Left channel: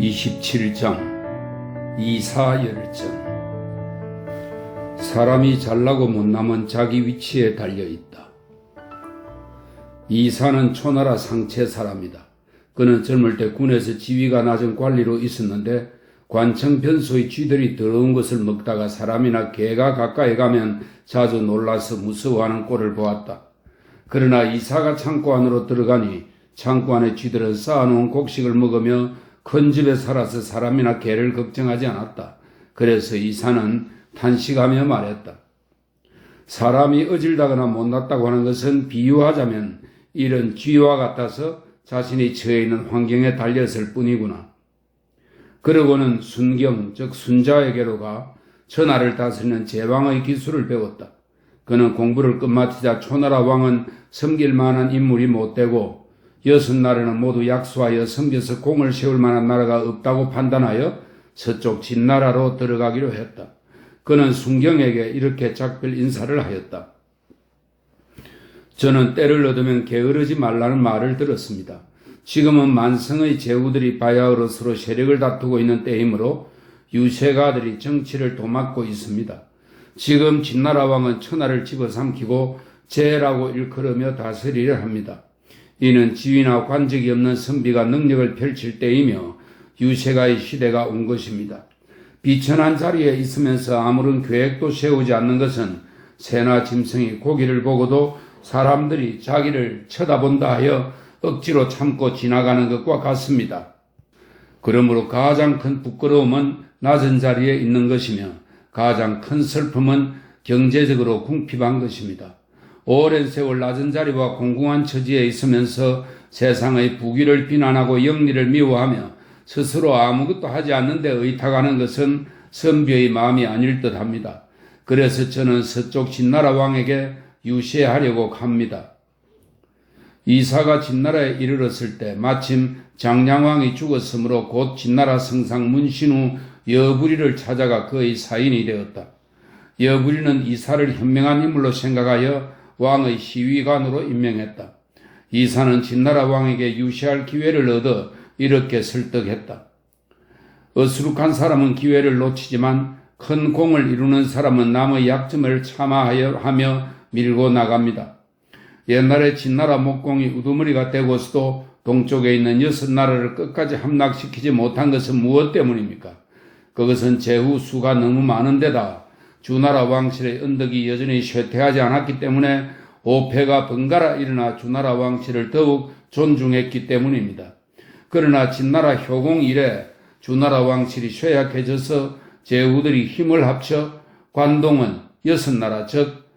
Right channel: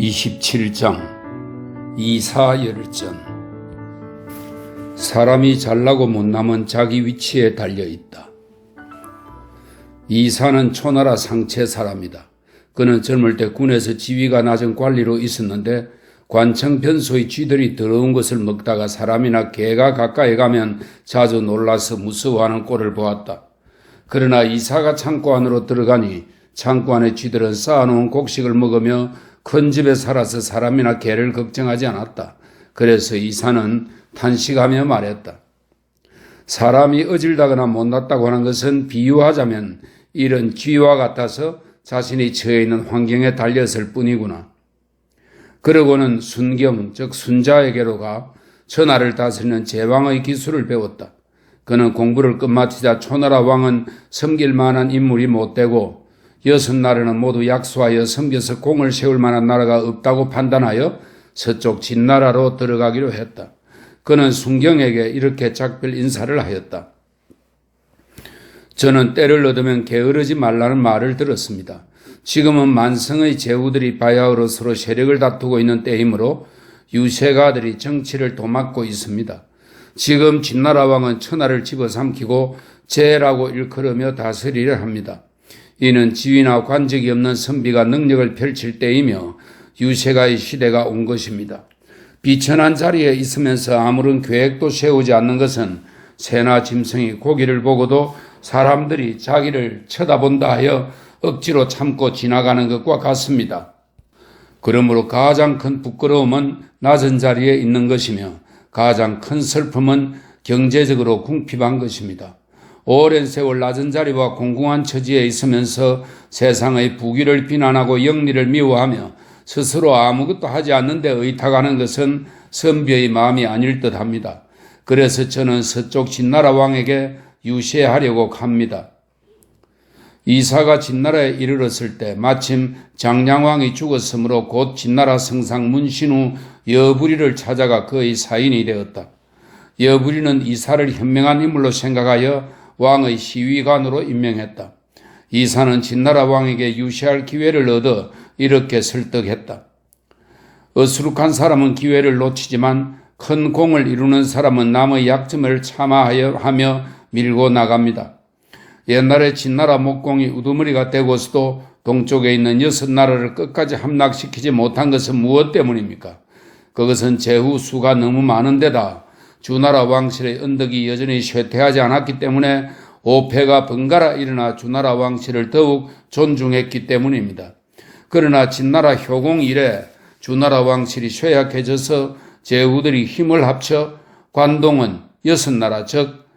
27장 이사열전. 사람이 잘나고 못남은 자기 위치에 달려있다. 이사는 초나라 상체 사람이다. 그는 젊을 때 군에서 지위가 낮은 관리로 있었는데 관청 변소의 쥐들이 더러운 것을 먹다가 사람이나 개가 가까이 가면 자주 놀라서 무서워하는 꼴을 보았다. 그러나 이사가 창고 안으로 들어가니 창고 안의 쥐들은 쌓아놓은 곡식을 먹으며 큰 집에 살아서 사람이나 개를 걱정하지 않았다. 그래서 이사는 탄식하며 말했다. 사람이 어질다거나 못났다고 하는 것은 비유하자면 이런 쥐와 같아서 자신이 처해 있는 환경에 달렸을 뿐이구나. 그러고는 순경, 즉 순자에게로 가 천하를 다스리는 제왕의 기술을 배웠다. 그는 공부를 끝마치자 초나라 왕은 섬길 만한 인물이 못되고 6나라는 모두 약소하여 섬겨서 공을 세울 만한 나라가 없다고 판단하여 서쪽 진나라로 들어가기로 했다. 그는 순경에게 이렇게 작별 인사를 하였다. 저는 때를 얻으면 게으르지 말라는 말을 들었습니다. 지금은 만성의 제후들이 바야흐로 서로 세력을 다투고 있는 때이므로 유세가들이 정치를 도맡고 있습니다. 지금 진나라 왕은 천하를 집어삼키고 제라고 일컬으며 다스리려 합니다. 이는 지위나 관직이 없는 선비가 능력을 펼칠 때이며 유세가의 시대가 온 것입니다. 비천한 자리에 있으면서 아무런 계획도 세우지 않는 것은 새나 짐승이 고기를 보고도 사람들이 자기를 쳐다본다 하여 억지로 참고 지나가는 것과 같습니다. 그러므로 가장 큰 부끄러움은 낮은 자리에 있는 것이며 가장 큰 슬픔은 경제적으로 궁핍한 것입니다. 오랜 세월 낮은 자리와 공공한 처지에 있으면서 세상의 부귀를 비난하고 영리를 미워하며 스스로 아무것도 하지 않는데 의탁하는 것은 선비의 마음이 아닐 듯합니다. 그래서 저는 서쪽 진나라 왕에게 유세하려고 합니다. 이사가 진나라에 이르렀을 때 마침 장량왕이 죽었으므로 곧 진나라 성상 문신우 여부리를 찾아가 그의 사인이 되었다. 여부리는 이사를 현명한 인물로 생각하여 왕의 시위관으로 임명했다. 이사는 진나라 왕에게 유세할 기회를 얻어 이렇게 설득했다. 어수룩한 사람은 기회를 놓치지만 큰 공을 이루는 사람은 남의 약점을 참아하며 밀고 나갑니다. 옛날에 진나라 목공이 우두머리가 되고서도 동쪽에 있는 6나라를 끝까지 함락시키지 못한 것은 무엇 때문입니까? 그것은 제후 수가 너무 많은 데다 주나라 왕실의 언덕이 여전히 쇠퇴하지 않았기 때문에 오패가 번갈아 일어나 주나라 왕실을 더욱 존중했기 때문입니다. 그러나 진나라 효공 이래 주나라 왕실이 쇠약해져서 제후들이 힘을 합쳐 관동은 6나라 즉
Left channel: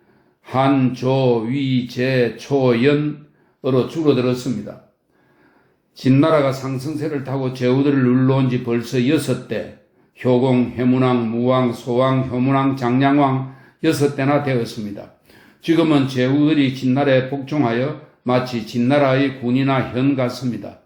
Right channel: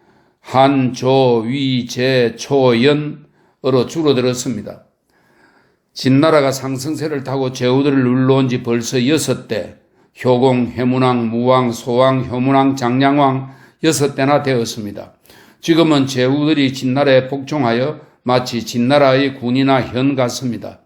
한, 조, 위, 제, 초, 연으로 줄어들었습니다. 진나라가 상승세를 타고 제후들을 눌러온 지 벌써 6대, 효공, 해문왕, 무왕, 소왕, 효문왕, 장량왕 6대나 되었습니다. 지금은 제후들이 진나라에 복종하여 마치 진나라의 군이나 현 같습니다.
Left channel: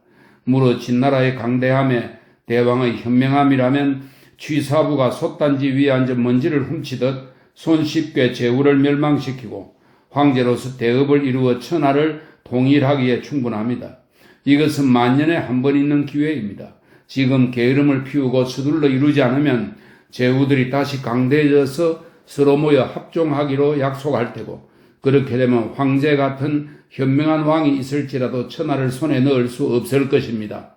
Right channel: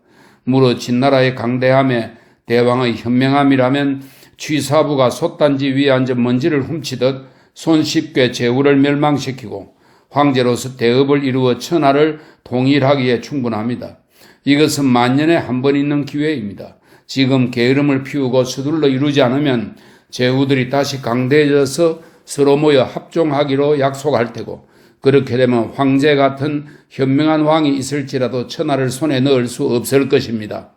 무릇 진나라의 강대함에 대왕의 현명함이라면 취사부가 솥단지 위에 앉아 먼지를 훔치듯 손쉽게 제후를 멸망시키고 황제로서 대업을 이루어 천하를 통일하기에 충분합니다. 이것은 만년에 한 번 있는 기회입니다. 지금 게으름을 피우고 서둘러 이루지 않으면 제후들이 다시 강대해져서 서로 모여 합종하기로 약속할 테고 그렇게 되면 황제 같은 현명한 왕이 있을지라도 천하를 손에 넣을 수 없을 것입니다.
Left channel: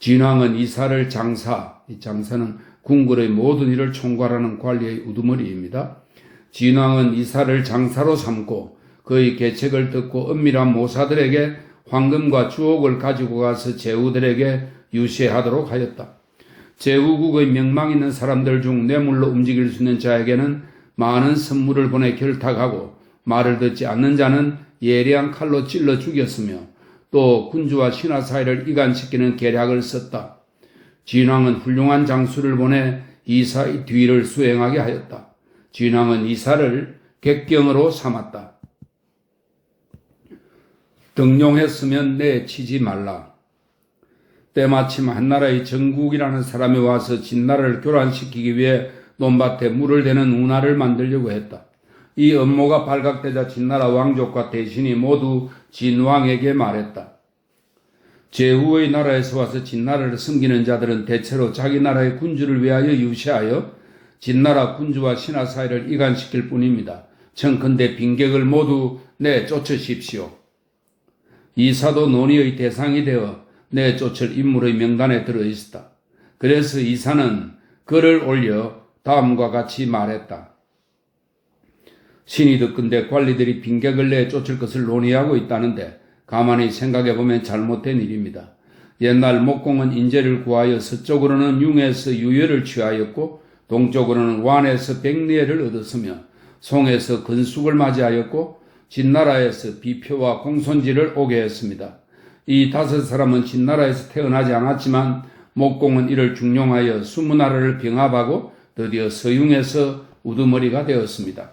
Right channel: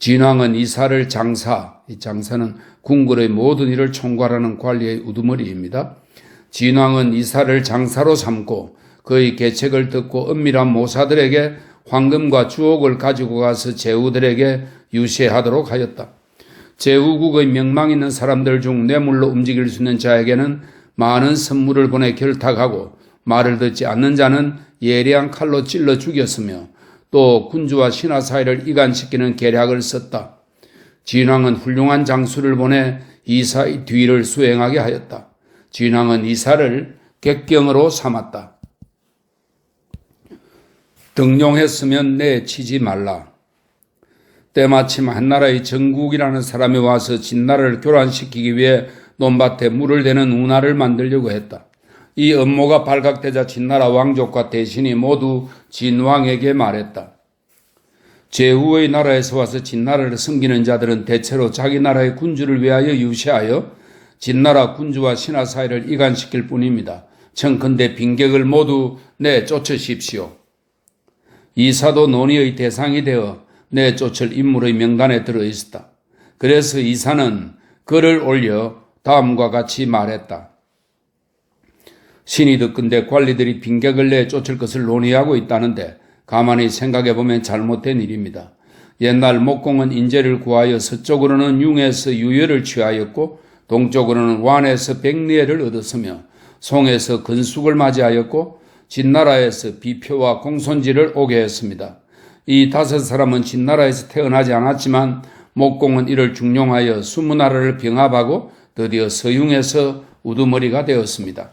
진왕은 이사를 장사, 이 장사는 궁궐의 모든 일을 총괄하는 관리의 우두머리입니다. 진왕은 이사를 장사로 삼고 그의 계책을 듣고 은밀한 모사들에게 황금과 주옥을 가지고 가서 제후들에게 유세하도록 하였다. 제후국의 명망 있는 사람들 중 뇌물로 움직일 수 있는 자에게는 많은 선물을 보내 결탁하고 말을 듣지 않는 자는 예리한 칼로 찔러 죽였으며 또 군주와 신하 사이를 이간시키는 계략을 썼다. 진왕은 훌륭한 장수를 보내 이사의 뒤를 수행하게 하였다. 진왕은 이사를 객경으로 삼았다. 등용했으면 내치지 말라. 때마침 한나라의 정국이라는 사람이 와서 진나라를 교란시키기 위해 논밭에 물을 대는 운하를 만들려고 했다. 이 음모가 발각되자 진나라 왕족과 대신이 모두 진왕에게 말했다. 제후의 나라에서 와서 진나라를 섬기는 자들은 대체로 자기 나라의 군주를 위하여 유시하여 진나라 군주와 신하 사이를 이간시킬 뿐입니다. 청컨대 빈객을 모두 내쫓으십시오. 이사도 논의의 대상이 되어 내쫓을 인물의 명단에 들어있었다. 그래서 이사는 글을 올려 다음과 같이 말했다. 신이 듣건대 관리들이 빈객을 내쫓을 것을 논의하고 있다는데 가만히 생각해보면 잘못된 일입니다. 옛날 목공은 인재를 구하여 서쪽으로는 융에서 유예를 취하였고 동쪽으로는 완에서 백리애를 얻었으며 송에서 근숙을 맞이하였고 진나라에서 비표와 공손지를 오게 했습니다. 이 5사람은 진나라에서 태어나지 않았지만 목공은 이를 중용하여 20나라를 병합하고 드디어 서융에서 우두머리가 되었습니다.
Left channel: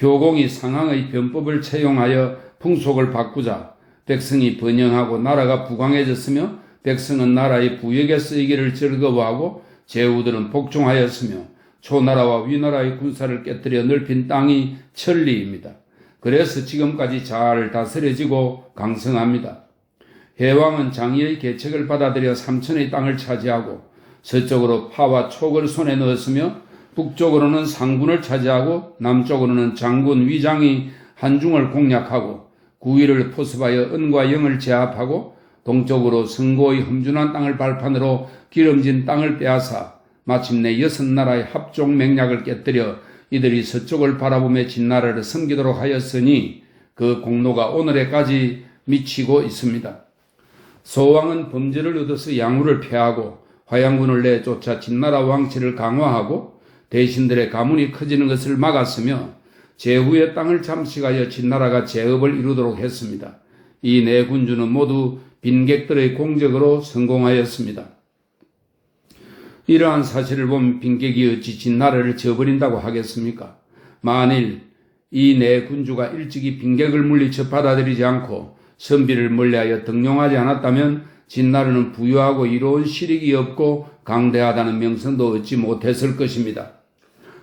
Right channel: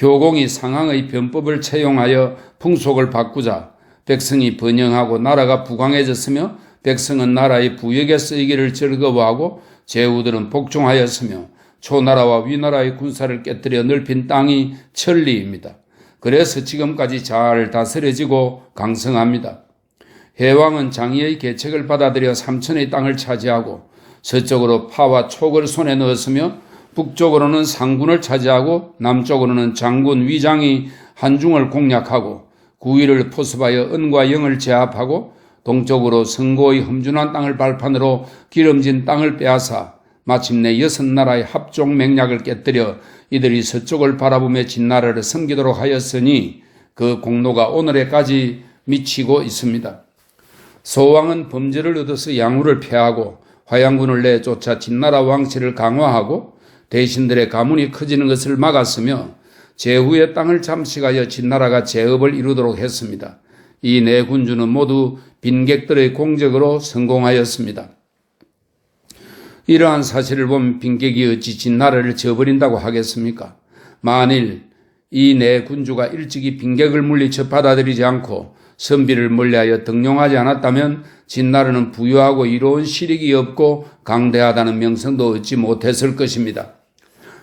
효공이 상황의 변법을 채용하여 풍속을 바꾸자 백성이 번영하고 나라가 부강해졌으며 백성은 나라의 부역에 쓰이기를 즐거워하고 제후들은 복종하였으며 초나라와 위나라의 군사를 깨뜨려 넓힌 땅이 천리입니다. 그래서 지금까지 잘 다스려지고 강성합니다. 해왕은 장의의 계책을 받아들여 삼천의 땅을 차지하고 서쪽으로 파와 촉을 손에 넣었으며 북쪽으로는 상군을 차지하고 남쪽으로는 장군 위장이 한중을 공략하고 구위를 포섭하여 은과 영을 제압하고 동쪽으로 성고의 험준한 땅을 발판으로 기름진 땅을 빼앗아 마침내 6나라의 합종 맹약을 깨뜨려 이들이 서쪽을 바라보며 진나라를 섬기도록 하였으니 그 공로가 오늘에까지 미치고 있습니다. 소왕은 범죄를 얻어서 양후를 폐하고 화양군을 내쫓아 진나라 왕실을 강화하고 대신들의 가문이 커지는 것을 막았으며 제후의 땅을 잠식하여 진나라가 제업을 이루도록 했습니다. 이 네 군주는 모두 빈객들의 공적으로 성공하였습니다. 이러한 사실을 보면 빈객이 어찌 진나라를 저버린다고 하겠습니까? 만일 이 네 군주가 일찍이 빈객을 물리쳐 받아들이지 않고 선비를 멀리하여 등용하지 않았다면 진나라는 부유하고 이로운 실익이 없고 강대하다는 명성도 얻지 못했을 것입니다.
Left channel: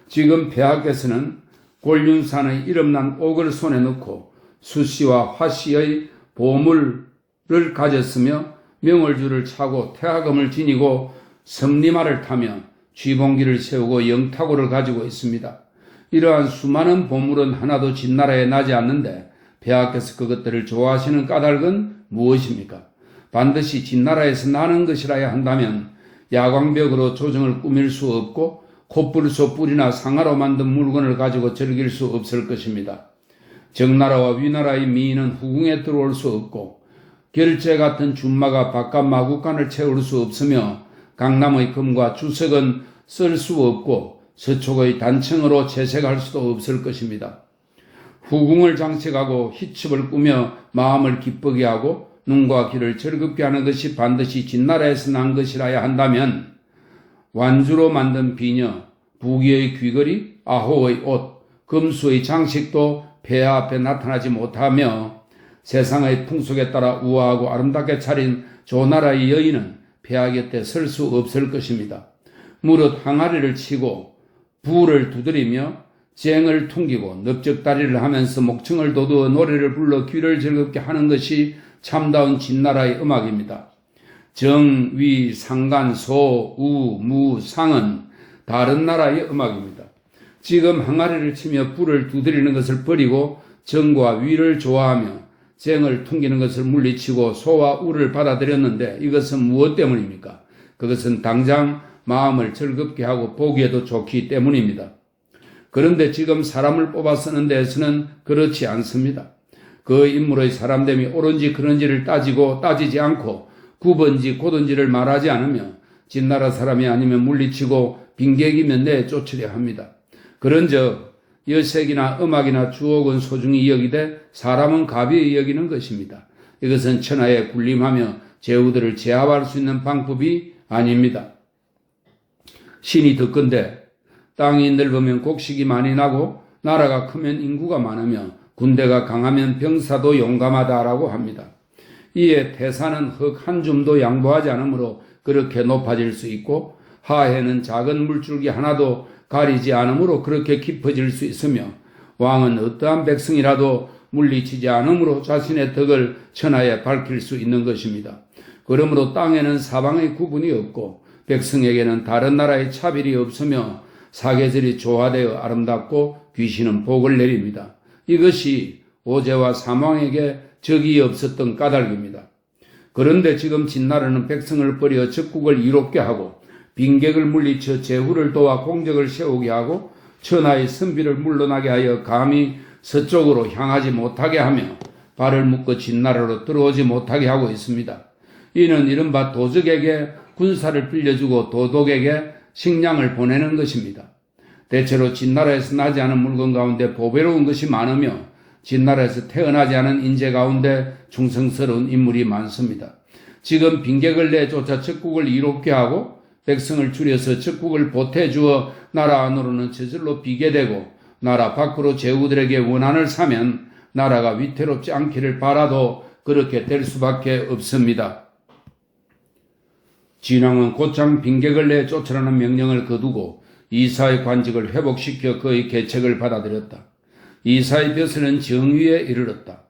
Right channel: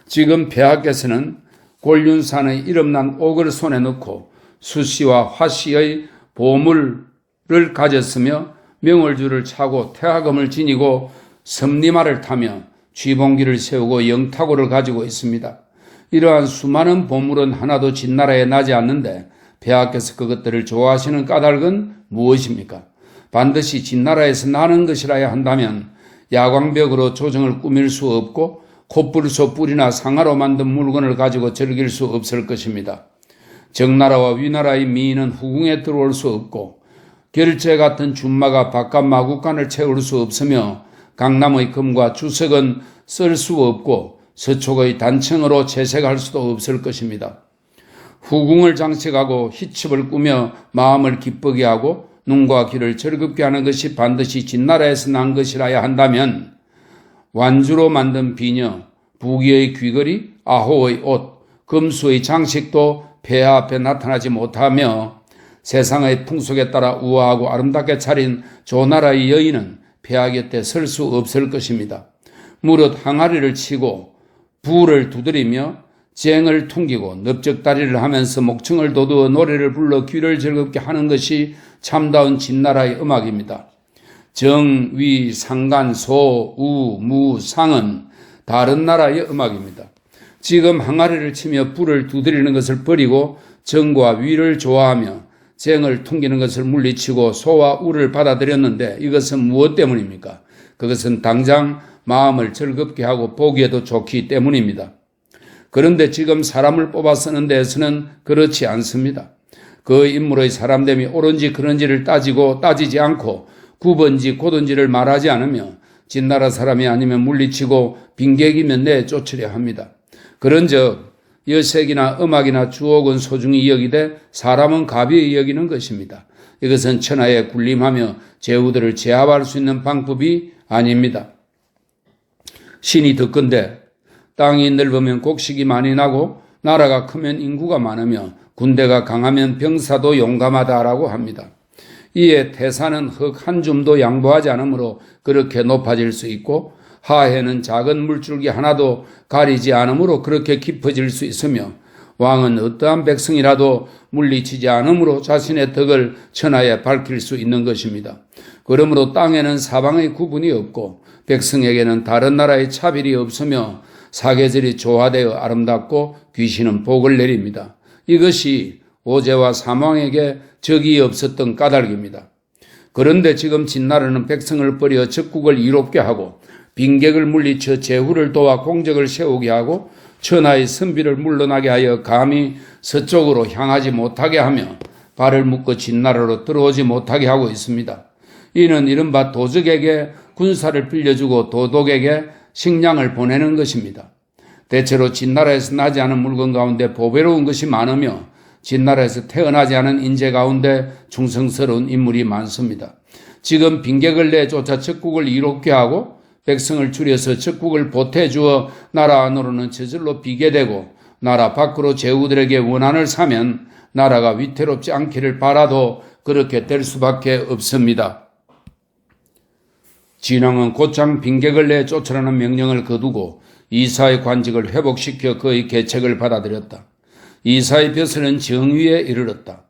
지금 폐하께서는 곤륜산의 이름난 옥을 손에 넣고 수씨와 화씨의 보물을 가졌으며 명월주를 차고 태화검을 지니고 섬리마를 타며 쥐봉기를 세우고 영타고를 가지고 있습니다. 이러한 수많은 보물은 하나도 진나라에 나지 않는데 폐하께서 그것들을 좋아하시는 까닭은 무엇입니까? 반드시 진나라에서 나는 것이라야 한다면 야광벽으로 조정을 꾸밀 수 없고 콧불소 뿔이나 상아로 만든 물건을 가지고 즐길 수 없을 것입니다. 정나라와 위나라의 미인은 후궁에 들어올 수 없고 결제 같은 준마가 바깥 마구간을 채울 수 없으며 강남의 금과 주석은 쓸 수 없고 서촉의 단청으로 채색할 수도 없을 것입니다. 후궁을 장식하고 희첩을 꾸며 마음을 기쁘게 하고 눈과 귀를 즐겁게 하는 것이 반드시 진나라에서 난 것이라야 한다면 완주로 만든 비녀, 부귀의 귀걸이, 아호의 옷, 금수의 장식도 폐하 앞에 나타나지 못하며 세상의 풍속에 따라 우아하고 아름답게 차린 조나라의 여인은 폐하 곁에 설 수 없을 것입니다. 무릇 항아리를 치고 부를 두드리며 쟁을 퉁기고 넓적다리를 하면서 목청을 돋우어 노래를 불러 귀를 즐겁게 하는 것이 참다운 진나라의 음악입니다. 정, 위, 상간, 소, 우, 무, 상은 다른 나라의 음악입니다. 지금 항아리를 치며 불을 두드리는 것을 버리고 정과 위를 좋아하며 쟁을 퉁기는 것을 물리치고 소와 우를 받아들였는데 이것은 무엇 때문입니까? 그것은 당장 마음을 즐겁게 하고 보기에도 좋기 때문입니다. 그런데 지금 사람을 뽑아 쓰는 데에서는 그렇지 않습니다. 그 인물의 사람됨이 옳은지 그런지를 따지지 않고 굽은지 곧은지를 말하지 않으며 진나라 사람이 아니면 물리치고 빈객이면 내쫓으려 합니다. 그런즉 여색이나 음악이나 주옥은 소중히 여기되 사람은 가벼이 여기는 것입니다. 이것은 천하에 군림하며 제후들을 제압할 수 있는 방법이 아닙니다. 신이 듣건대 땅이 넓으면 곡식이 많이 나고 나라가 크면 인구가 많으며 군대가 강하면 병사도 용감하다라고 합니다. 이에 태산은 흙 한 줌도 양보하지 않으므로 그렇게 높아질 수 있고 하해는 작은 물줄기 하나도 가리지 않으므로 그렇게 깊어질 수 있으며 왕은 어떠한 백성이라도 물리치지 않으므로 자신의 덕을 천하에 밝힐 수 있는 것입니다. 그러므로 땅에는 사방의 구분이 없고 백성에게는 다른 나라의 차별이 없으며 사계절이 조화되어 아름답고 귀신은 복을 내립니다. 이것이 오제와 사망에게 적이 없었던 까닭입니다. 그런데 지금 진나라는 백성을 버려 적국을 이롭게 하고 빈객을 물리쳐 제후를 도와 공적을 세우게 하고 천하의 선비를 물러나게 하여 감히 서쪽으로 향하지 못하게 하며 발을 묶어 진나라로 들어오지 못하게 하고 있습니다. 이는 이른바 도적에게 군사를 빌려주고 도독에게 식량을 보내는 것입니다. 대체로 진나라에서 나지 않은 물건 가운데 보배로운 것이 많으며 진나라에서 태어나지 않은 인재 가운데 충성스러운 인물이 많습니다. 지금 빈객을 내쫓아 적국을 이롭게 하고 백성을 줄여서 적국을 보태주어 나라 안으로는 저절로 비게 되고 나라 밖으로 제후들에게 원한을 사면 나라가 위태롭지 않기를 바라도 그렇게 될 수밖에 없습니다. 진왕은 곧장 빈객을 내쫓으라는 명령을 거두고 이사의 관직을 회복시켜 그의 계책을 받아들였다. 이사의 벼슬은 정위에 이르렀다.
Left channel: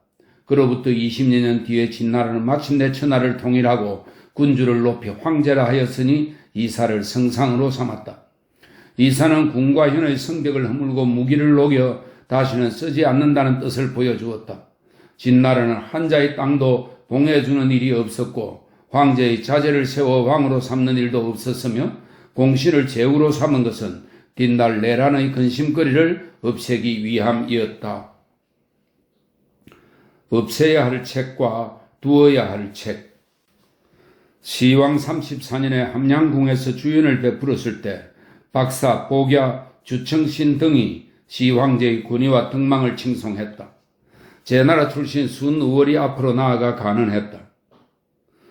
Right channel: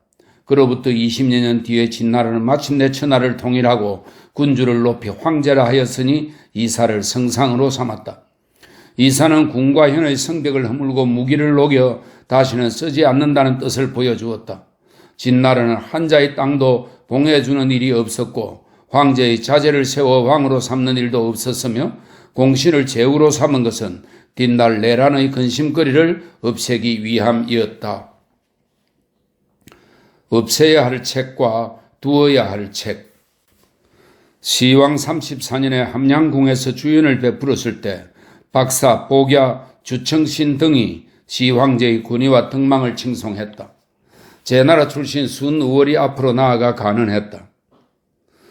그로부터 20여 년 뒤에 진나라는 마침내 천하를 통일하고 군주를 높이 황제라 하였으니 이사를 성상으로 삼았다. 이사는 궁과 현의 성벽을 허물고 무기를 녹여 다시는 쓰지 않는다는 뜻을 보여주었다. 진나라는 한자의 땅도 봉해주는 일이 없었고 황제의 자제를 세워 왕으로 삼는 일도 없었으며 공신을 제후로 삼은 것은 뒷날 내란의 근심거리를 없애기 위함이었다. 없애야 할 책과 두어야 할 책. 시왕 34년에 함양궁에서 주연을 베풀었을 때 박사, 복야, 주청신 등이 시황제의 군의와 등망을 칭송했다. 제나라 출신 순우월이 앞으로 나아가 간언했다.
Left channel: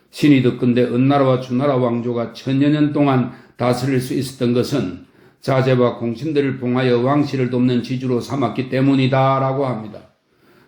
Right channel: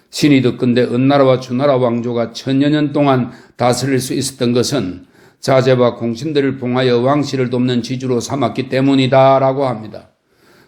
신이 듣건대 은나라와 주나라 왕조가 천여 년 동안 다스릴 수 있었던 것은 자제와 공신들을 봉하여 왕실을 돕는 지주로 삼았기 때문이다 라고 합니다.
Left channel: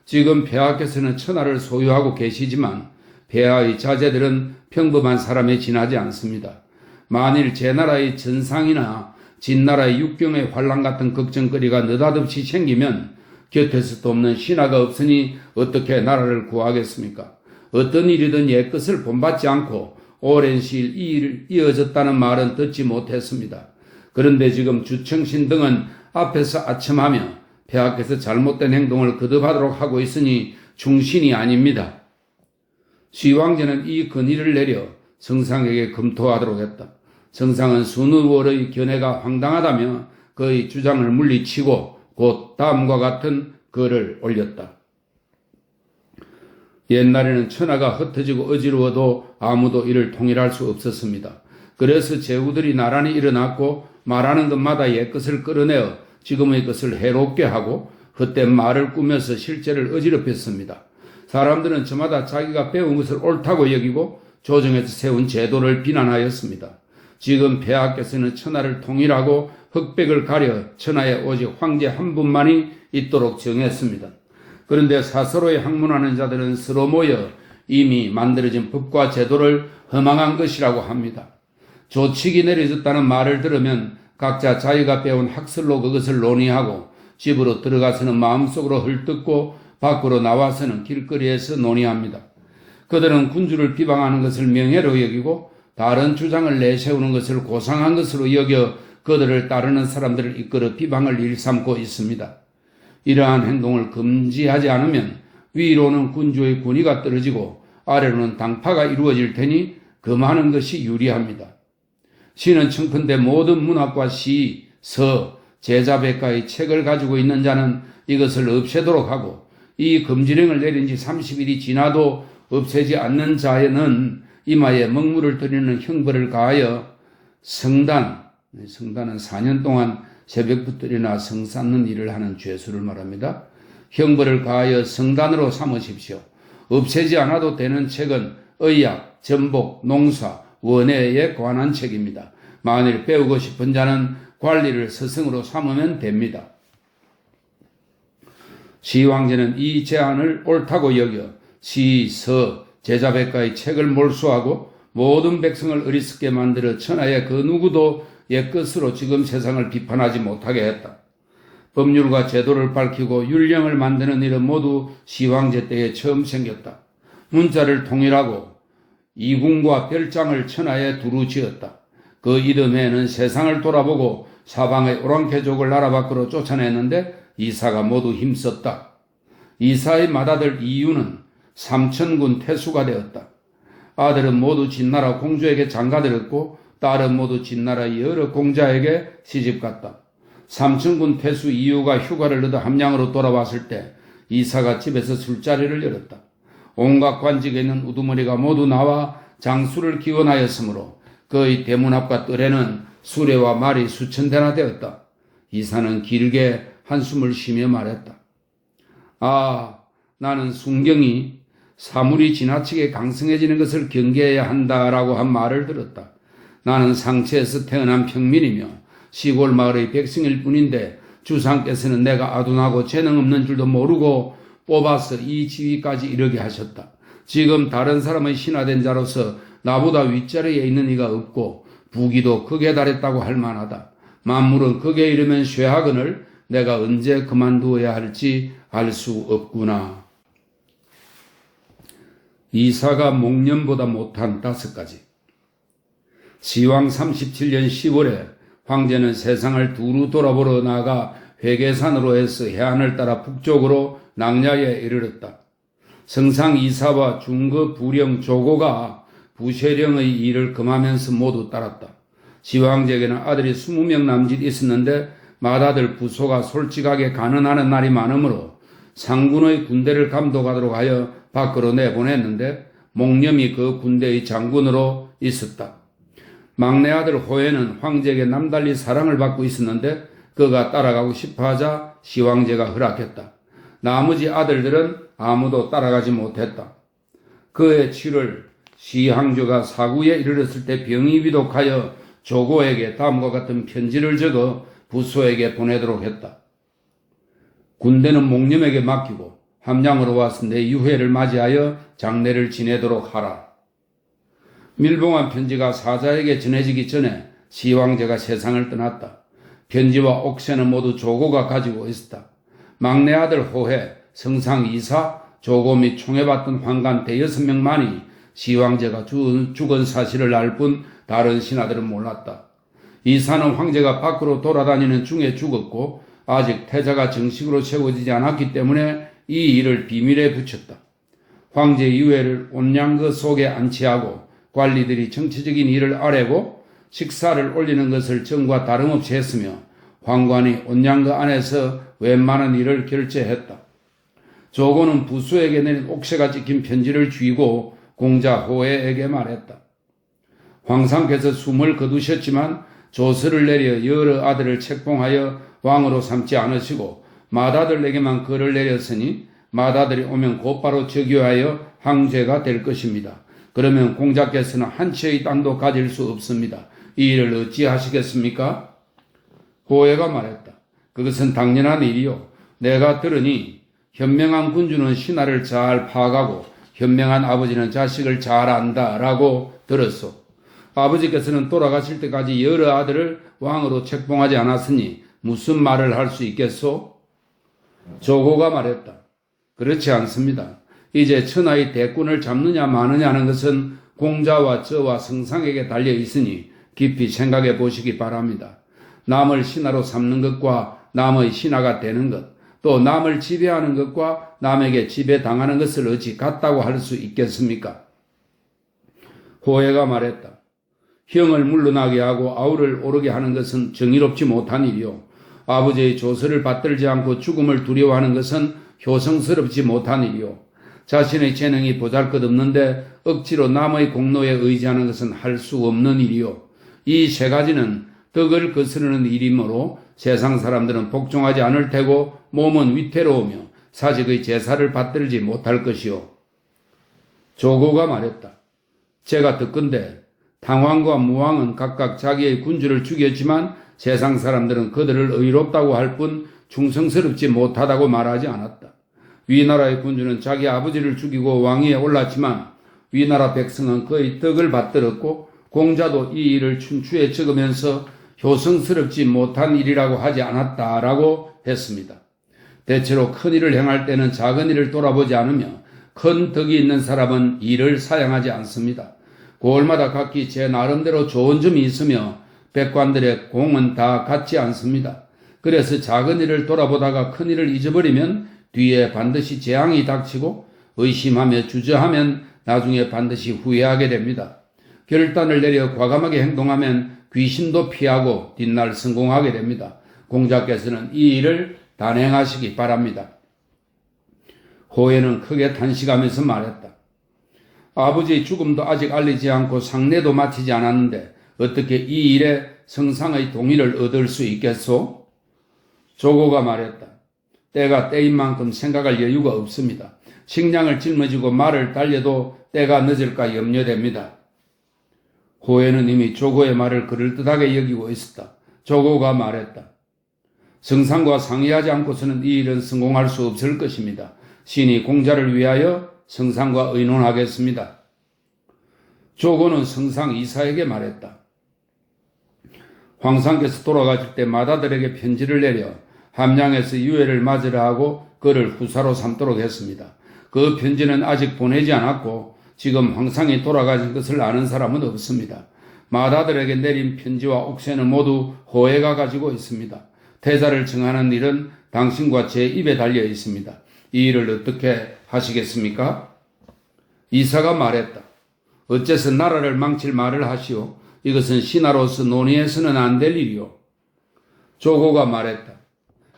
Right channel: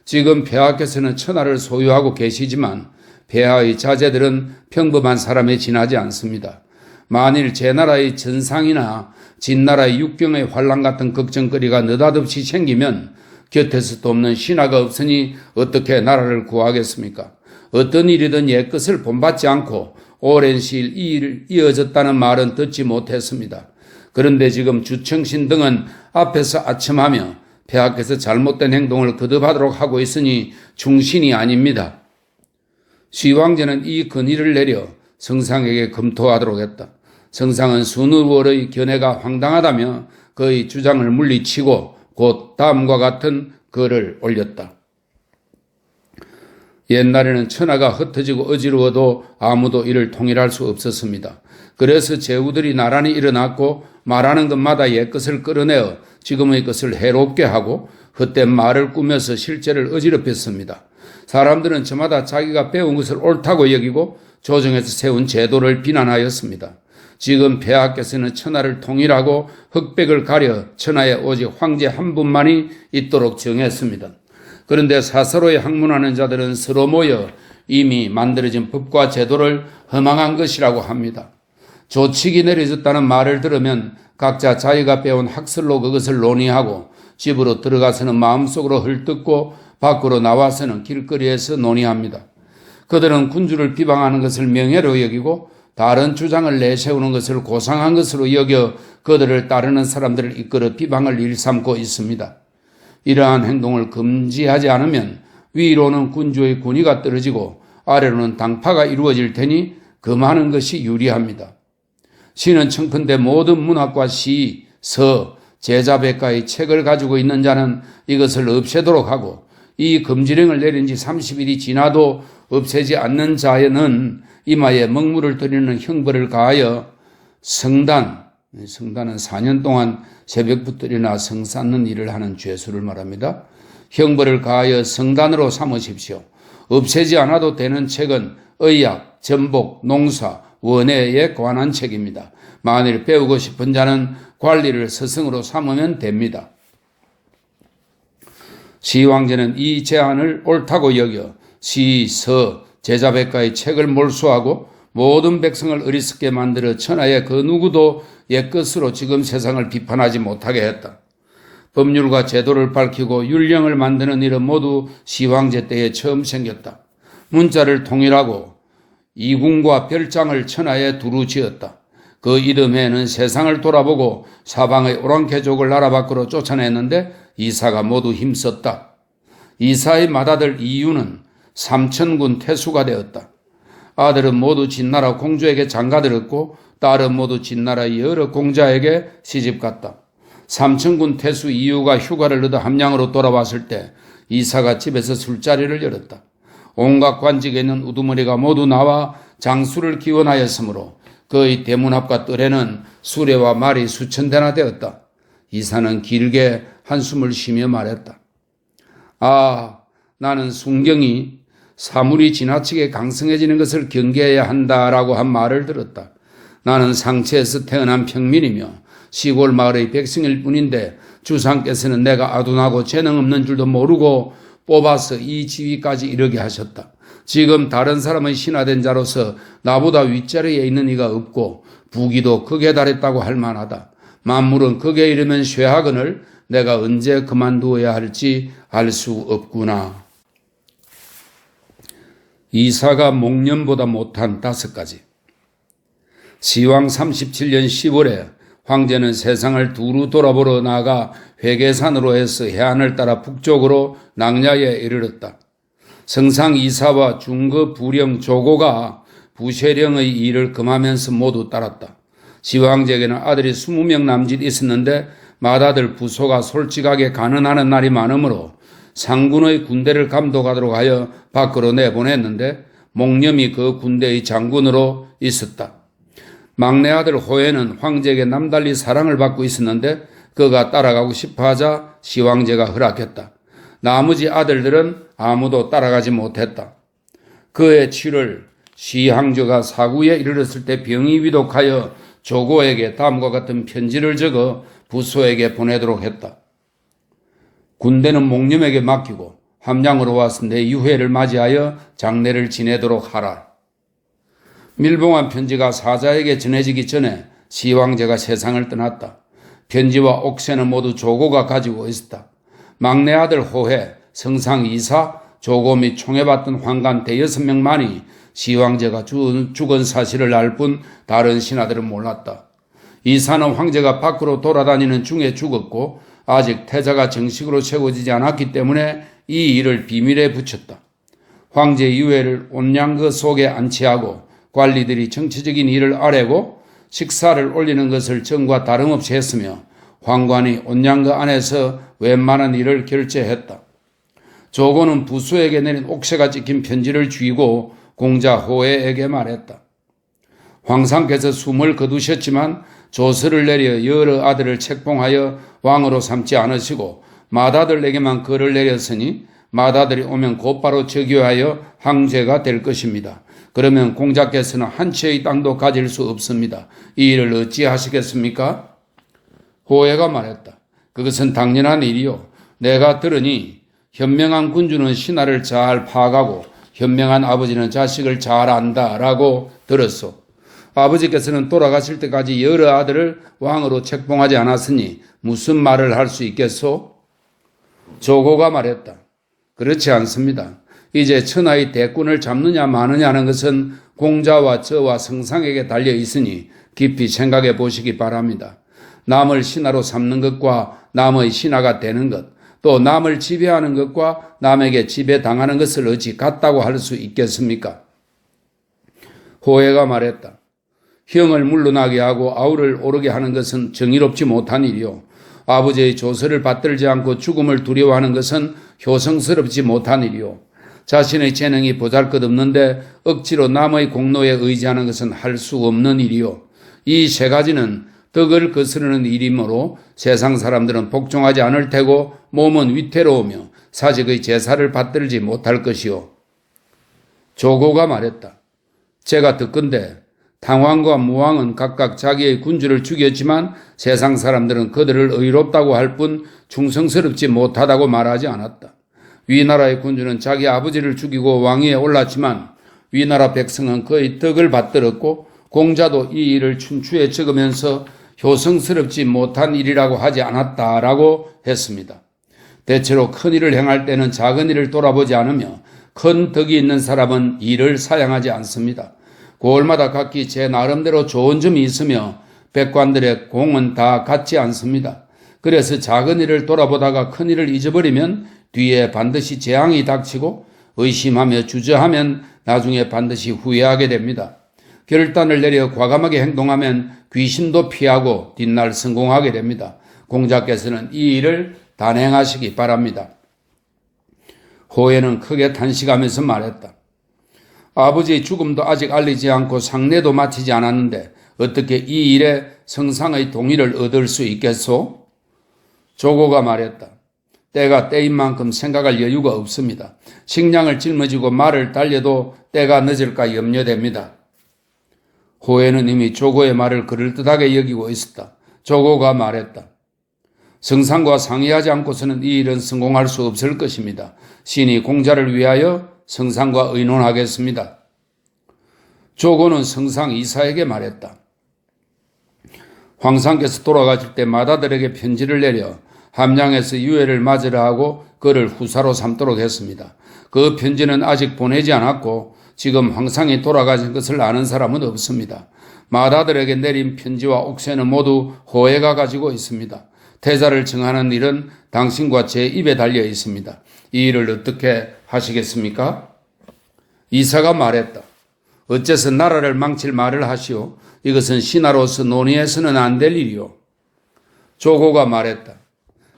지금 폐하께서는 천하를 소유하고 계시지만 폐하의 자제들은 평범한 사람에 지나지 않습니다. 만일 제나라의 전상이나 진나라의 육경의 환란 같은 걱정거리가 느닷없이 생기면 곁에서도 없는 신하가 없으니 어떻게 나라를 구하겠습니까? 어떤 일이든 옛것을 본받지 않고 오랜 시일 이 일이 이어졌다는 말은 듣지 못했습니다. 그런데 지금 주청신 등은 앞에서 아첨하며 폐하께서 잘못된 행동을 거듭하도록 하고 있으니 중신이 아닙니다. 시황제는 이 건의를 내려 성상에게 검토하도록 했다. 성상은 순우월의 견해가 황당하다며 그의 주장을 물리치고 곧 다음과 같은 글을 올렸다. 옛날에는 천하가 흩어지고 어지러워도 아무도 이를 통일할 수 없었습니다. 그래서 제후들이 나란히 일어났고 말하는 것마다 옛것을 끌어내어 지금의 것을 해롭게 하고 헛된 말을 꾸며서 실제를 어지럽혔습니다. 사람들은 저마다 자기가 배운 것을 옳다고 여기고 조정에서 세운 제도를 비난하였습니다. 지금 폐하께서는 천하를 통일하고 흑백을 가려 천하에 오직 황제 한 분만이 있도록 정했습니다. 그런데 사서로에 학문하는 자들은 서로 모여 이미 만들어진 법과 제도를 허망한 것이라고 합니다. 조칙이 내려졌다는 말을 들으면 각자 자기가 배운 학설로 그것을 논의하고 집으로 들어가서는 마음속으로 헐뜯고 밖으로 나와서는 길거리에서 논의합니다. 그들은 군주를 비방하는 것을 명예로 여기고 다른 주장을 내세우는 것을 고상한 것으로 여겨 그들을 따르는 사람들을 이끌어 비방을 일삼고 있습니다. 이러한 행동을 금지하지 않으면 위로는 군주의 군의가 떨어지고 아래로는 당파가 이루어질 테니 금하는 것이 유리합니다. 시는 청컨대 모든 문학과 시, 서, 제자백가의 책을 가지고 있는 자는 이것을 없애도록 하고 이 금지령을 내린 지 30일이 지나도 없애지 않는 자에는 이마에 먹물을 들이는 형벌을 가하여 성단은 4년 동안 새벽부터 일어나 성 쌓는 일을 하는 죄수를 말합니다. 형벌을 가하여 성단으로 삼으십시오. 없애지 않아도 되는 책은 의학, 전복, 농사, 원해에 관한 책입니다. 만일 배우고 싶은 자는 관리를 스승으로 삼으면 됩니다. 시황제는 이 제안을 옳다고 여겨 시, 서, 제자백가의 책을 몰수하고 모든 백성을 어리석게 만들어 천하의 그 누구도 옛것으로 지금 세상을 비판하지 못하게 했다. 법률과 제도를 밝히고 율령을 만드는 일은 모두 시황제 때에 처음 생겼다. 문자를 통일하고 이궁과 별장을 천하에 두루 지었다. 그 이듬해에는 세상을 돌아보고 사방의 오랑캐족을 나라 밖으로 쫓아냈는데 이사가 모두 힘썼다. 이사의 맏아들 이유는 삼천군 태수가 되었다. 아들은 모두 진나라 공주에게 장가들었고 딸은 모두 진나라의 여러 공자에게 시집갔다. 삼천군 태수 이유가 휴가를 얻어 함양으로 돌아왔을 때 이사가 집에서 술자리를 열었다. 온갖 관직에 있는 우두머리가 모두 나와 장수를 기원하였으므로 그의 대문 앞과 뜰에는 수레와 말이 수천 대나 되었다. 이사는 길게 한숨을 쉬며 말했다. 아, 나는 순경이 사물이 지나치게 강성해지는 것을 경계해야 한다라고 한 말을 들었다. 나는 상체에서 태어난 평민이며 시골 마을의 백성일 뿐인데 주상께서는 내가 아둔하고 재능 없는 줄도 모르고 뽑아서 이 지위까지 이르게 하셨다. 지금 다른 사람의 신하된 자로서 나보다 윗자리에 있는 이가 없고 부귀도 극에 달했다고 할 만하다. 만물은 극에 이르면 쇠하거늘 내가 언제 그만두어야 할지 알 수 없구나. 이사가 목련보다 못한 5가지. 시왕 37년 10월에 황제는 세상을 두루 돌아보러 나가 회계산으로 해서 해안을 따라 북쪽으로 낭야에 이르렀다. 성상 이사와 중거 부령 조고가 부쉐령의 일을 금하면서 모두 따랐다. 시황제에게는 아들이 20명 남짓 있었는데 맏아들 부소가 솔직하게 가난하는 날이 많으므로 상군의 군대를 감독하도록 하여 밖으로 내보냈는데 목념이 그 군대의 장군으로 있었다. 막내 아들 호해는 황제에게 남달리 사랑을 받고 있었는데 그가 따라가고 싶어하자 시황제가 허락했다. 나머지 아들들은 아무도 따라가지 못했다. 그의 7월 시황제가 사구에 이르렀을 때 병이 위독하여 조고에게 다음과 같은 편지를 적어 부소에게 보내도록 했다. 군대는 목념에게 맡기고 함양으로 와서 내 유해를 맞이하여 장례를 지내도록 하라. 밀봉한 편지가 사자에게 전해지기 전에 시황제가 세상을 떠났다. 편지와 옥새는 모두 조고가 가지고 있었다. 막내 아들 호해, 성상 이사, 조고 및 총애받던 환관 대여섯 명만이 시황제가 죽은 사실을 알 뿐 다른 신하들은 몰랐다. 이사는 황제가 밖으로 돌아다니는 중에 죽었고 아직 태자가 정식으로 세워지지 않았기 때문에 이 일을 비밀에 붙였다. 황제 유해를 온양거 속에 안치하고 관리들이 정치적인 일을 아뢰고 식사를 올리는 것을 전과 다름없이 했으며 황관이 온양거 안에서 웬만한 일을 결제했다. 조고는 부수에게 내린 옥새가 찍힌 편지를 쥐고 공자 호해에게 말했다. 황상께서 숨을 거두셨지만 조서를 내려 여러 아들을 책봉하여 왕으로 삼지 않으시고 맏아들에게만 글을 내렸으니 맏아들이 오면 곧바로 즉위하여 황제가 될 것입니다. 그러면 공자께서는 한 채의 땅도 가질 수 없습니다. 이 일을 어찌 하시겠습니까? 호해가 말했다. 그것은 당연한 일이요. 내가 들으니 현명한 군주는 신하를 잘 파악하고 현명한 아버지는 자식을 잘 안다라고 들었소. 아버지께서는 돌아가실 때까지 여러 아들을 왕으로 책봉하지 않았으니 무슨 말을 할 수 있겠소? 조고가 말했다. 그렇지 않습니다. 이제 천하의 대권을 잡느냐 마느냐는 것은 공자와 저와 성상에게 달려 있으니 깊이 생각해 보시기 바랍니다. 남을 신하로 삼는 것과 남의 신하가 되는 것, 또 남을 지배하는 것과 남에게 지배당하는 것을 어찌 같다고 할 수 있겠습니까? 호해가 말했다. 형을 물러나게 하고 아우를 오르게 하는 것은 정의롭지 못한 일이요. 아버지의 조서를 받들지 않고 죽음을 두려워하는 것은 효성스럽지 못한 일이요. 자신의 재능이 보잘것없는데 억지로 남의 공로에 의지하는 것은 할 수 없는 일이요. 이 세 가지는 덕을 거스르는 일이므로 세상 사람들은 복종하지 않을 테고 몸은 위태로우며 사직의 제사를 받들지 못할 것이요. 조고가 말했다. 제가 듣건대 당왕과 무왕은 각각 자기의 군주를 죽였지만 세상 사람들은 그들을 의롭다고 할 뿐 충성스럽지 못하다고 말하지 않았다. 위나라의 군주는 자기 아버지를 죽이고 왕위에 올랐지만 위나라 백성은 그의 덕을 받들었고 공자도 이 일을 춘추에 적으면서 효성스럽지 못한 일이라고 하지 않았다라고 했습니다. 대체로 큰 일을 행할 때는 작은 일을 돌아보지 않으며 큰 덕이 있는 사람은 일을 사양하지 않습니다. 고을마다 각기 제 나름대로 좋은 점이 있으며 백관들의 공은 다 같지 않습니다. 그래서 작은 일을 돌아보다가 큰 일을 잊어버리면 뒤에 반드시 재앙이 닥치고 의심하며 주저하면 나중에 반드시 후회하게 됩니다. 결단을 내려 과감하게 행동하면 귀신도 피하고 뒷날 성공하게 됩니다. 공자께서는 이 일을 단행하시기 바랍니다. 호해는 크게 탄식하면서 말했다. 아버지의 죽음도 아직 알리지 않고 상례도 마치지 않았는데 어떻게 이 일에 성상의 동의를 얻을 수 있겠소? 조고가 말했다. 때가 때인 만큼 생각할 여유가 없습니다. 식량을 짊어지고 말을 달려도 때가 늦을까 염려됩니다. 호해는 이미 조고의 말을 그럴듯하게 여기고 있었다. 조고가 말했다. 성상과 상의하지 않고서는 이 일은 성공할 수 없을 것입니다. 신이 공자를 위하여 성상과 의논하겠습니다. 조고는 성상 이사에게 말했다. 황상께서 돌아가실 때 마다들에게 편지를 내려 함양에서 유해를 맞으라 하고 그를 후사로 삼도록 했습니다. 그 편지는 아직 보내지 않았고 지금 황상이 돌아가신 것을 아는 사람은 없습니다. 마다들에게 내린 편지와 옥새는 모두 호해가 가지고 있습니다. 태자를 정하는 일은 당신과 제 입에 달려 있습니다. 이 일을 어떻게 하시겠습니까? 이사가 말했다. 어째서 나라를 망칠 말을 하시오? 이것은 신하로서 논의해서는 안 될 일이오. 조고가 말했다.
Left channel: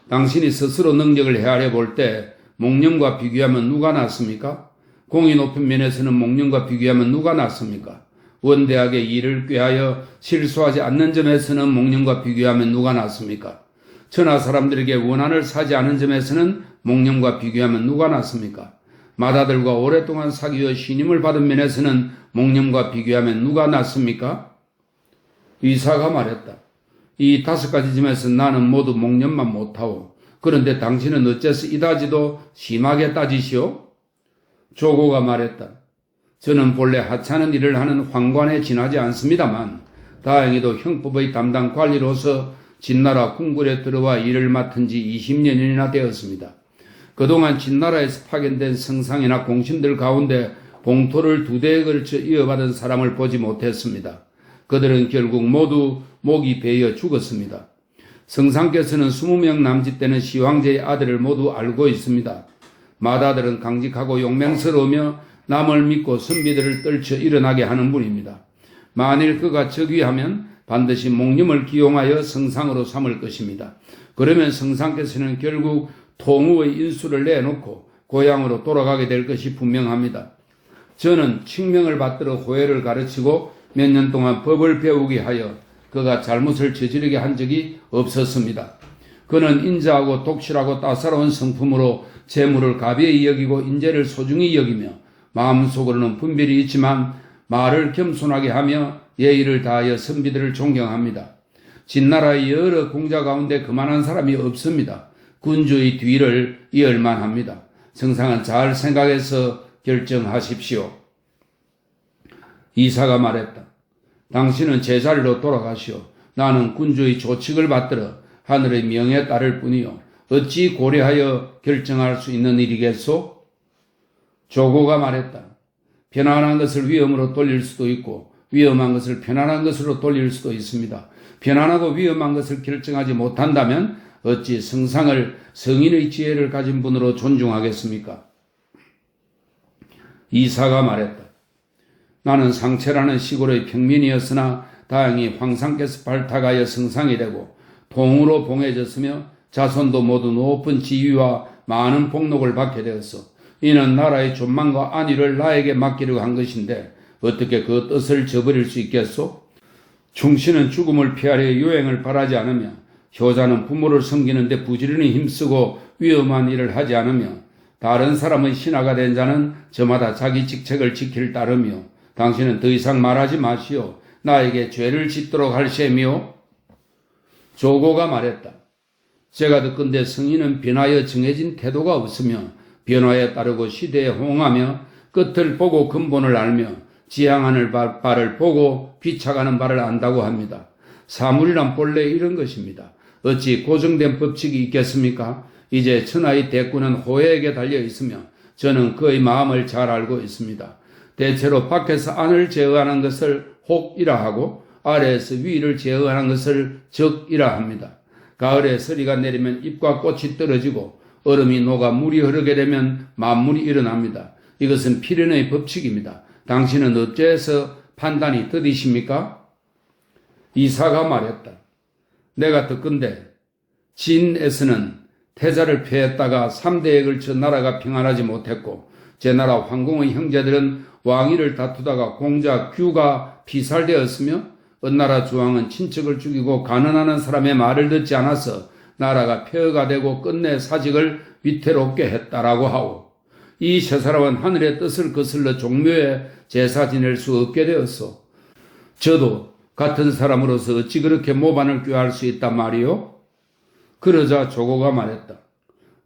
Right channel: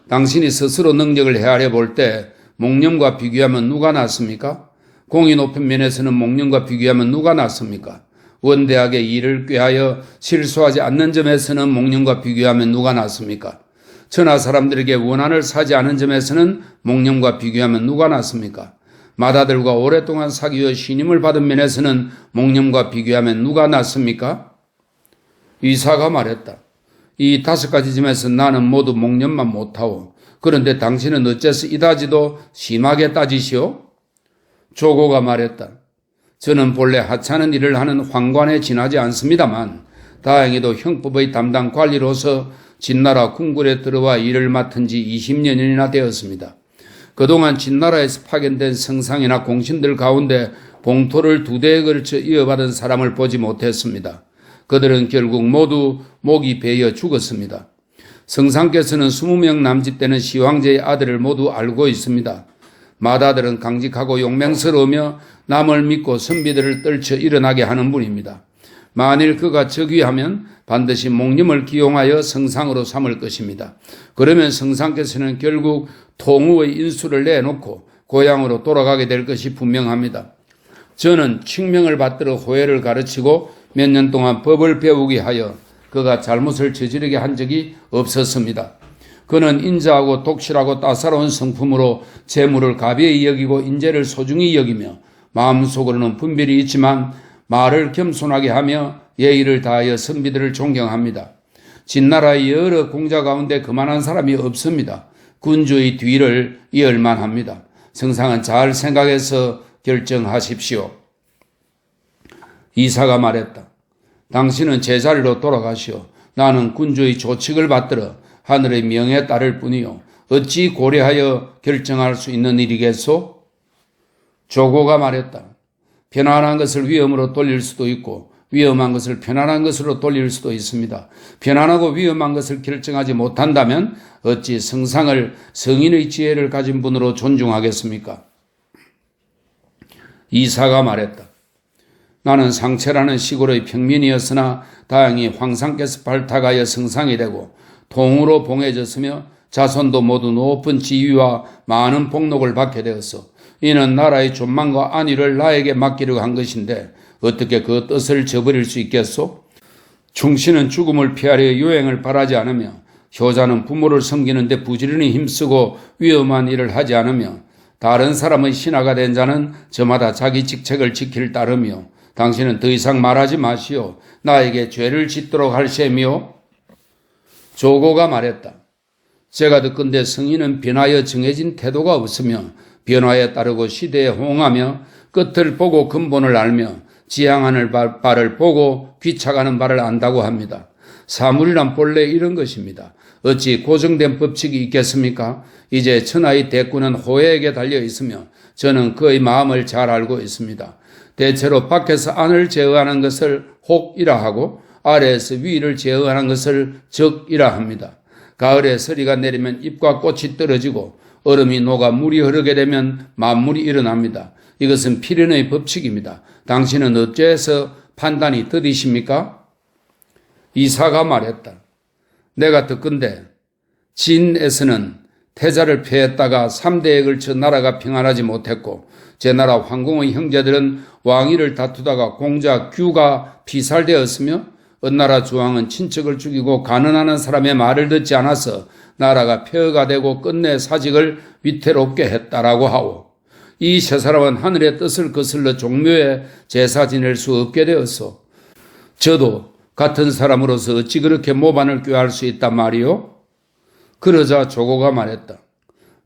당신이 스스로 능력을 헤아려 볼 때 목념과 비교하면 누가 낫습니까? 공이 높은 면에서는 목념과 비교하면 누가 낫습니까? 원대하게 일을 꾀하여 실수하지 않는 점에서는 목념과 비교하면 누가 낫습니까? 천하 사람들에게 원한을 사지 않은 점에서는 목념과 비교하면 누가 낫습니까? 마다들과 오랫동안 사귀어 신임을 받은 면에서는 목념과 비교하면 누가 낫습니까? 이사가 말했다. 이 5가지 점에서 나는 모두 목념만 못하오. 그런데 당신은 어째서 이다지도 심하게 따지시오? 조고가 말했다. 저는 본래 하찮은 일을 하는 황관에 지나지 않습니다만 다행히도 형법의 담당 관리로서 진나라 궁궐에 들어와 일을 맡은 지 20년이나 되었습니다. 그동안 진나라에서 파견된 성상이나 공신들 가운데 봉토를 2대에 걸쳐 이어받은 사람을 보지 못했습니다. 그들은 결국 모두 목이 베어 죽었습니다. 성상께서는 20명 남짓되는 시황제의 아들을 모두 알고 있습니다. 마다들은 강직하고 용맹스러우며 남을 믿고 선비들을 떨쳐 일어나게 하는 분입니다. 만일 그가 즉위하면 반드시 목념을 기용하여 성상으로 삼을 것입니다. 그러면 성상께서는 결국 통우의 인수를 내놓고 고향으로 돌아가게 될 것이 분명합니다. 저는 칙명을 받들어 호해를 가르치고 몇 년 동안 법을 배우게 하여 그가 잘못을 저지르게 한 적이 없었습니다. 그는 인자하고 독실하고 따사로운 성품으로 재물을 가벼이 여기고 인재를 소중히 여기며 마음속으로는 분별이 있지만 말을 겸손하게 하며 예의를 다하여 선비들을 존경합니다. 진나라의 여러 공자 가운데 그만한 사람이 없습니다. 군주의 뒤를 이을만 합니다. 성상은 잘 생각해서 결정하십시오. 이사가 말했다. 당신은 제자리로 돌아가시오. 나는 군주의 조칙을 받들어 하늘의 명에 따를 뿐이요. 어찌 고려하여 결정할 수 있는 일이겠소? 조고가 말했다. 편안한 것을 위험으로 돌릴 수도 있고 위험한 것을 편안한 것으로 돌릴 수도 있습니다. 편안하고 위험한 것을 결정하지 못한다면 어찌 성상을 성인의 지혜를 가진 분으로 존중하겠습니까? 이사가 말했다. 나는 상체라는 시골의 평민이었으나 다행히 황상께서 발탁하여 성상이 되고 통으로 봉해졌으며 자손도 모두 높은 지위와 많은 복록을 받게 되었어. 이는 나라의 존망과 안위를 나에게 맡기려고 한 것인데 어떻게 그 뜻을 저버릴 수 있겠소? 충신은 죽음을 피하려 요행을 바라지 않으며 효자는 부모를 섬기는 데 부지런히 힘쓰고 위험한 일을 하지 않으며 다른 사람의 신하가 된 자는 저마다 자기 직책을 지킬 따르며 당신은 더 이상 말하지 마시오. 나에게 죄를 짓도록 할 셈이오. 조고가 말했다. 제가 듣건대 성인은 변화에 정해진 태도가 없으며 변화에 따르고 시대에 호응하며 끝을 보고 근본을 알며 지향하는 바를 보고 귀착하는 바를 안다고 합니다. 사물이란 본래 이런 것입니다. 어찌 고정된 법칙이 있겠습니까? 이제 천하의 대꾸는 호해에게 달려 있으며 저는 그의 마음을 잘 알고 있습니다. 대체로 밖에서 안을 제어하는 것을 혹이라 하고 아래에서 위를 제어하는 것을 적이라 합니다. 가을에 서리가 내리면 잎과 꽃이 떨어지고 얼음이 녹아 물이 흐르게 되면 만물이 일어납니다. 이것은 필연의 법칙입니다. 당신은 어째서 판단이 더디십니까? 이사가 말했다. 내가 듣건대 진에서는 태자를 폐했다가 3대에 걸쳐 나라가 평안하지 못했고 제 나라 황공의 형제들은 왕위를 다투다가 공자 규가 피살되었으며 은나라 주왕은 친척을 죽이고 가난하는 사람의 말을 듣지 않아서 나라가 폐허가 되고 끝내 사직을 위태롭게 했다라고 하오. 이 세 사람은 하늘의 뜻을 거슬러 종묘에 제사 지낼 수 없게 되었소. 저도 같은 사람으로서 어찌 그렇게 모반을 꾀할 수 있단 말이오? 그러자 조고가 말했다.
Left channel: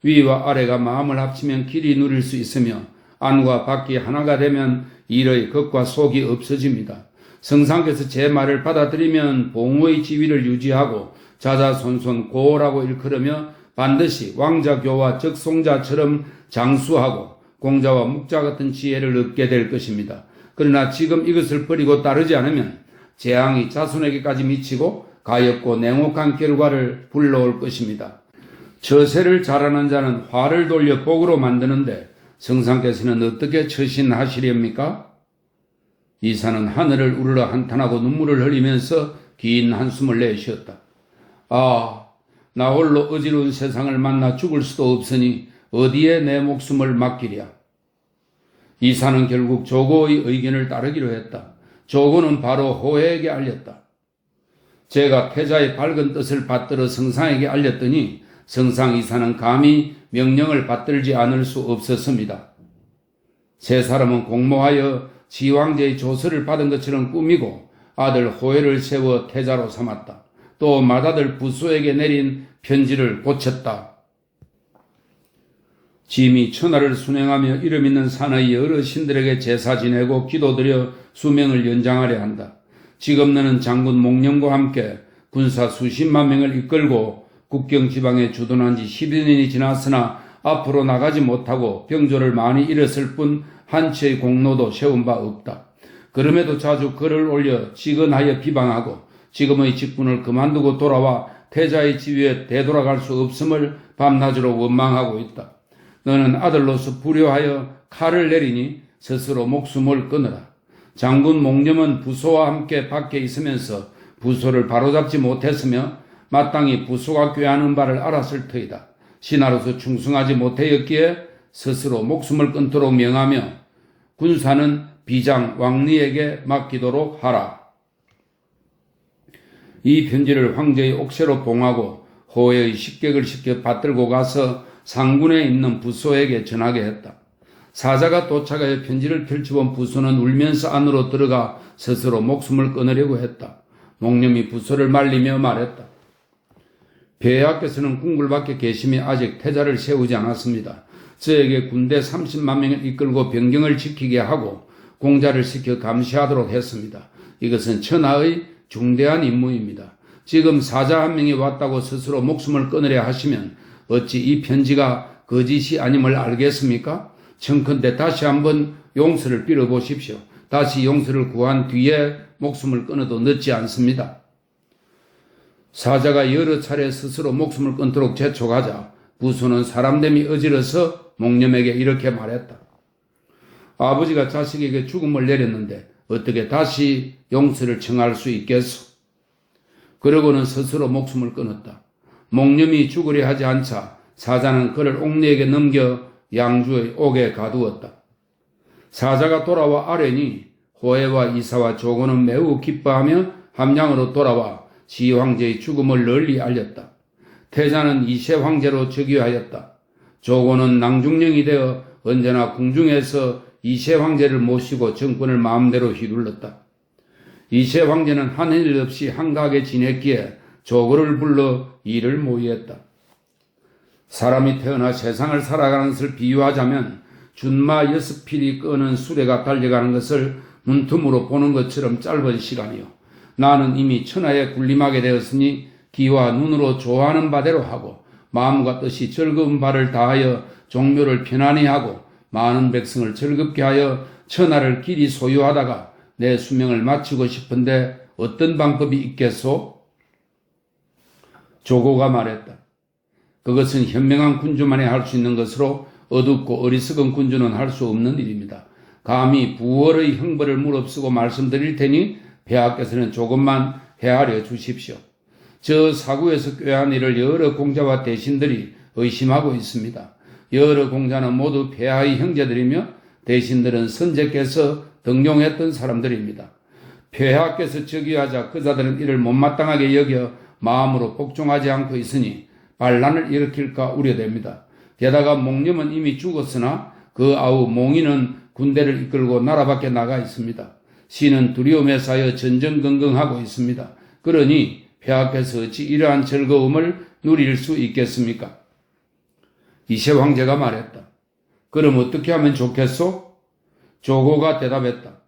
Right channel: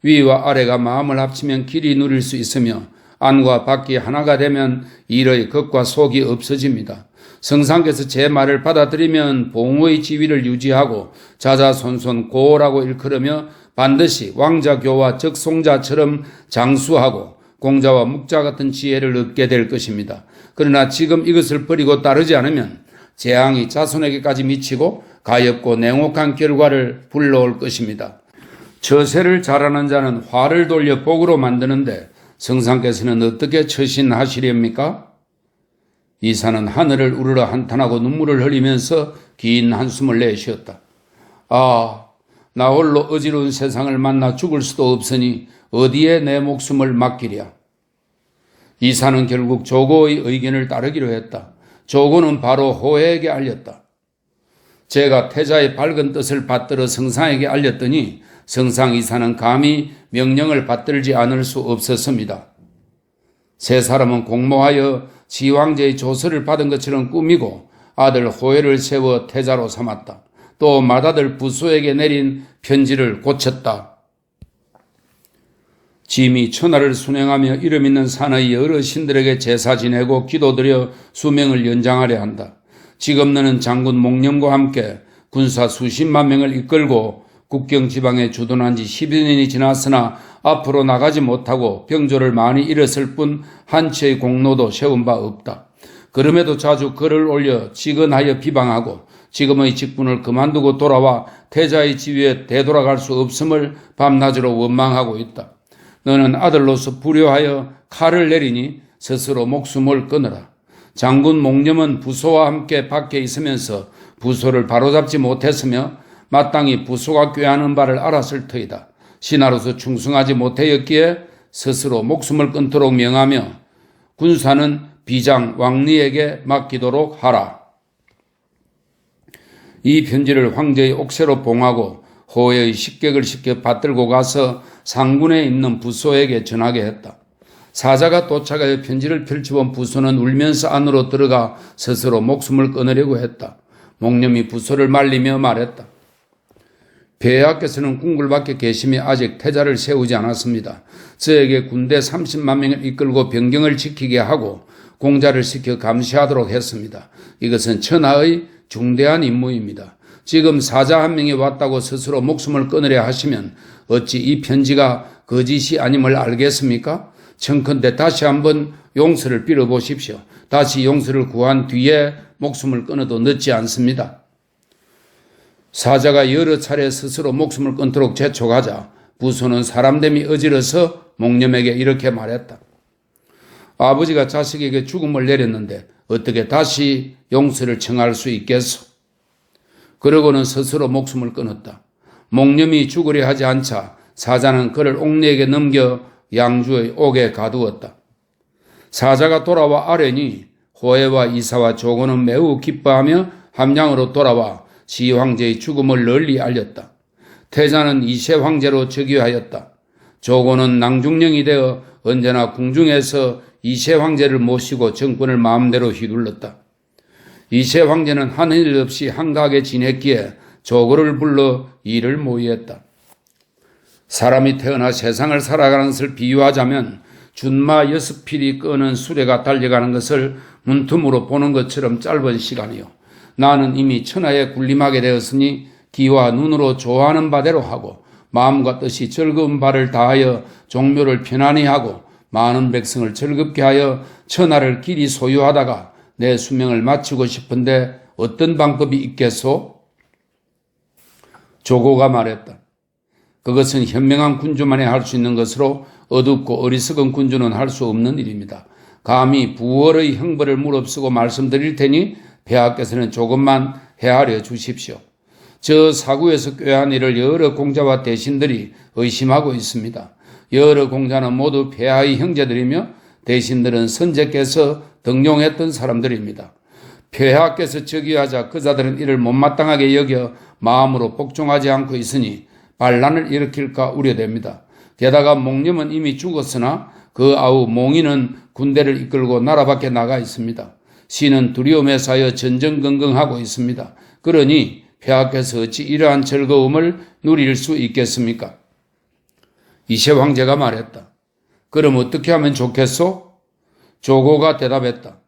위와 아래가 마음을 합치면 길이 누릴 수 있으며 안과 밖이 하나가 되면 일의 겉과 속이 없어집니다. 성상께서 제 말을 받아들이면 봉의 지위를 유지하고 자자손손 고라고 일컬으며 반드시 왕자교와 적송자처럼 장수하고 공자와 묵자 같은 지혜를 얻게 될 것입니다. 그러나 지금 이것을 버리고 따르지 않으면 재앙이 자손에게까지 미치고 가엾고 냉혹한 결과를 불러올 것입니다. 처세를 잘하는 자는 화를 돌려 복으로 만드는데 성상께서는 어떻게 처신하시렵니까? 이사는 하늘을 우러러 한탄하고 눈물을 흘리면서 긴 한숨을 내쉬었다. 아, 나 홀로 어지러운 세상을 만나 죽을 수도 없으니 어디에 내 목숨을 맡기랴. 이사는 결국 조고의 의견을 따르기로 했다. 조고는 바로 호해에게 알렸다. 제가 태자의 밝은 뜻을 받들어 성상에게 알렸더니 성상 이사는 감히 명령을 받들지 않을 수 없었습니다. 세 사람은 공모하여 지왕제의 조서를 받은 것처럼 꾸미고 아들 호해를 세워 태자로 삼았다. 또 맏아들 부소에게 내린 편지를 고쳤다. 짐이 천하를 순행하며 이름 있는 산의 여러 신들에게 제사 지내고 기도드려 수명을 연장하려 한다. 지금 너는 장군 목념과 함께 군사 수십만 명을 이끌고 국경 지방에 주둔한 지 12년이 지났으나 앞으로 나가지 못하고 병조를 많이 잃었을 뿐 한치의 공로도 세운 바 없다. 그럼에도 자주 글을 올려 직언하여 비방하고 지금의 직분을 그만두고 돌아와 태자의 지위에 되돌아갈 수 없음을 밤낮으로 원망하고 있다. 너는 아들로서 불효하여 칼을 내리니 스스로 목숨을 끊으라. 장군 목념은 부소와 함께 밖에 있으면서 부소를 바로잡지 못했으며 마땅히 부소가 꾀하는 바를 알았을 터이다. 신하로서 충성하지 못하였기에 스스로 목숨을 끊도록 명하며 군사는 비장 왕리에게 맡기도록 하라. 이 편지를 황제의 옥새로 봉하고 호해의 식객을 시켜 받들고 가서 상군에 있는 부소에게 전하게 했다. 사자가 도착하여 편지를 펼쳐본 부소는 울면서 안으로 들어가 스스로 목숨을 끊으려고 했다. 목념이 부소를 말리며 말했다. 폐하께서는 궁궐 밖에 계시며 아직 태자를 세우지 않았습니다. 저에게 군대 30만 명을 이끌고 병경을 지키게 하고 공자를 시켜 감시하도록 했습니다. 이것은 천하의 중대한 임무입니다. 지금 사자 한 명이 왔다고 스스로 목숨을 끊으려 하시면 어찌 이 편지가 거짓이 아님을 알겠습니까? 청컨대 다시 한번 용서를 빌어보십시오. 다시 용서를 구한 뒤에 목숨을 끊어도 늦지 않습니다. 사자가 여러 차례 스스로 목숨을 끊도록 재촉하자 부소는 사람됨이 어지러서 목념에게 이렇게 말했다. 아버지가 자식에게 죽음을 내렸는데 어떻게 다시 용서를 청할 수 있겠소? 그러고는 스스로 목숨을 끊었다. 목념이 죽으려 하지 않자 사자는 그를 옥리에게 넘겨 양주의 옥에 가두었다. 사자가 돌아와 아뢰니 호해와 이사와 조고는 매우 기뻐하며 함양으로 돌아와 시황제의 죽음을 널리 알렸다. 태자는 이세 황제로 즉위하였다. 조고는 낭중령이 되어 언제나 궁중에서 이세 황제를 모시고 정권을 마음대로 휘둘렀다. 이세 황제는 하는 일 없이 한가하게 지냈기에 조고를 불러 일을 모의했다. 사람이 태어나 세상을 살아가는 것을 비유하자면 준마 6필이 끄는 수레가 달려가는 것을 문틈으로 보는 것처럼 짧은 시간이요. 나는 이미 천하에 군림하게 되었으니 귀와 눈으로 좋아하는 바대로 하고 마음과 뜻이 즐거운 바를 다하여 종묘를 편안히 하고 많은 백성을 즐겁게 하여 천하를 길이 소유하다가 내 수명을 마치고 싶은데 어떤 방법이 있겠소? 조고가 말했다. 그것은 현명한 군주만이 할 수 있는 것으로 어둡고 어리석은 군주는 할 수 없는 일입니다. 감히 부월의 형벌을 무릅쓰고 말씀드릴 테니 폐하께서는 조금만 헤아려 주십시오. 저 사구에서 꾀한 일을 여러 공자와 대신들이 의심하고 있습니다. 여러 공자는 모두 폐하의 형제들이며 대신들은 선제께서 등용했던 사람들입니다. 폐하께서 즉위하자 그자들은 이를 못마땅하게 여겨 마음으로 복종하지 않고 있으니 반란을 일으킬까 우려됩니다. 게다가 몽님은 이미 죽었으나 그 아우 몽이는 군대를 이끌고 나라 밖에 나가 있습니다. 신은 두려움에 쌓여 전전긍긍하고 있습니다. 그러니 폐하께서 어찌 이러한 즐거움을 누릴 수 있겠습니까? 이세 황제가 말했다. 그럼 어떻게 하면 좋겠소? 조고가 대답했다.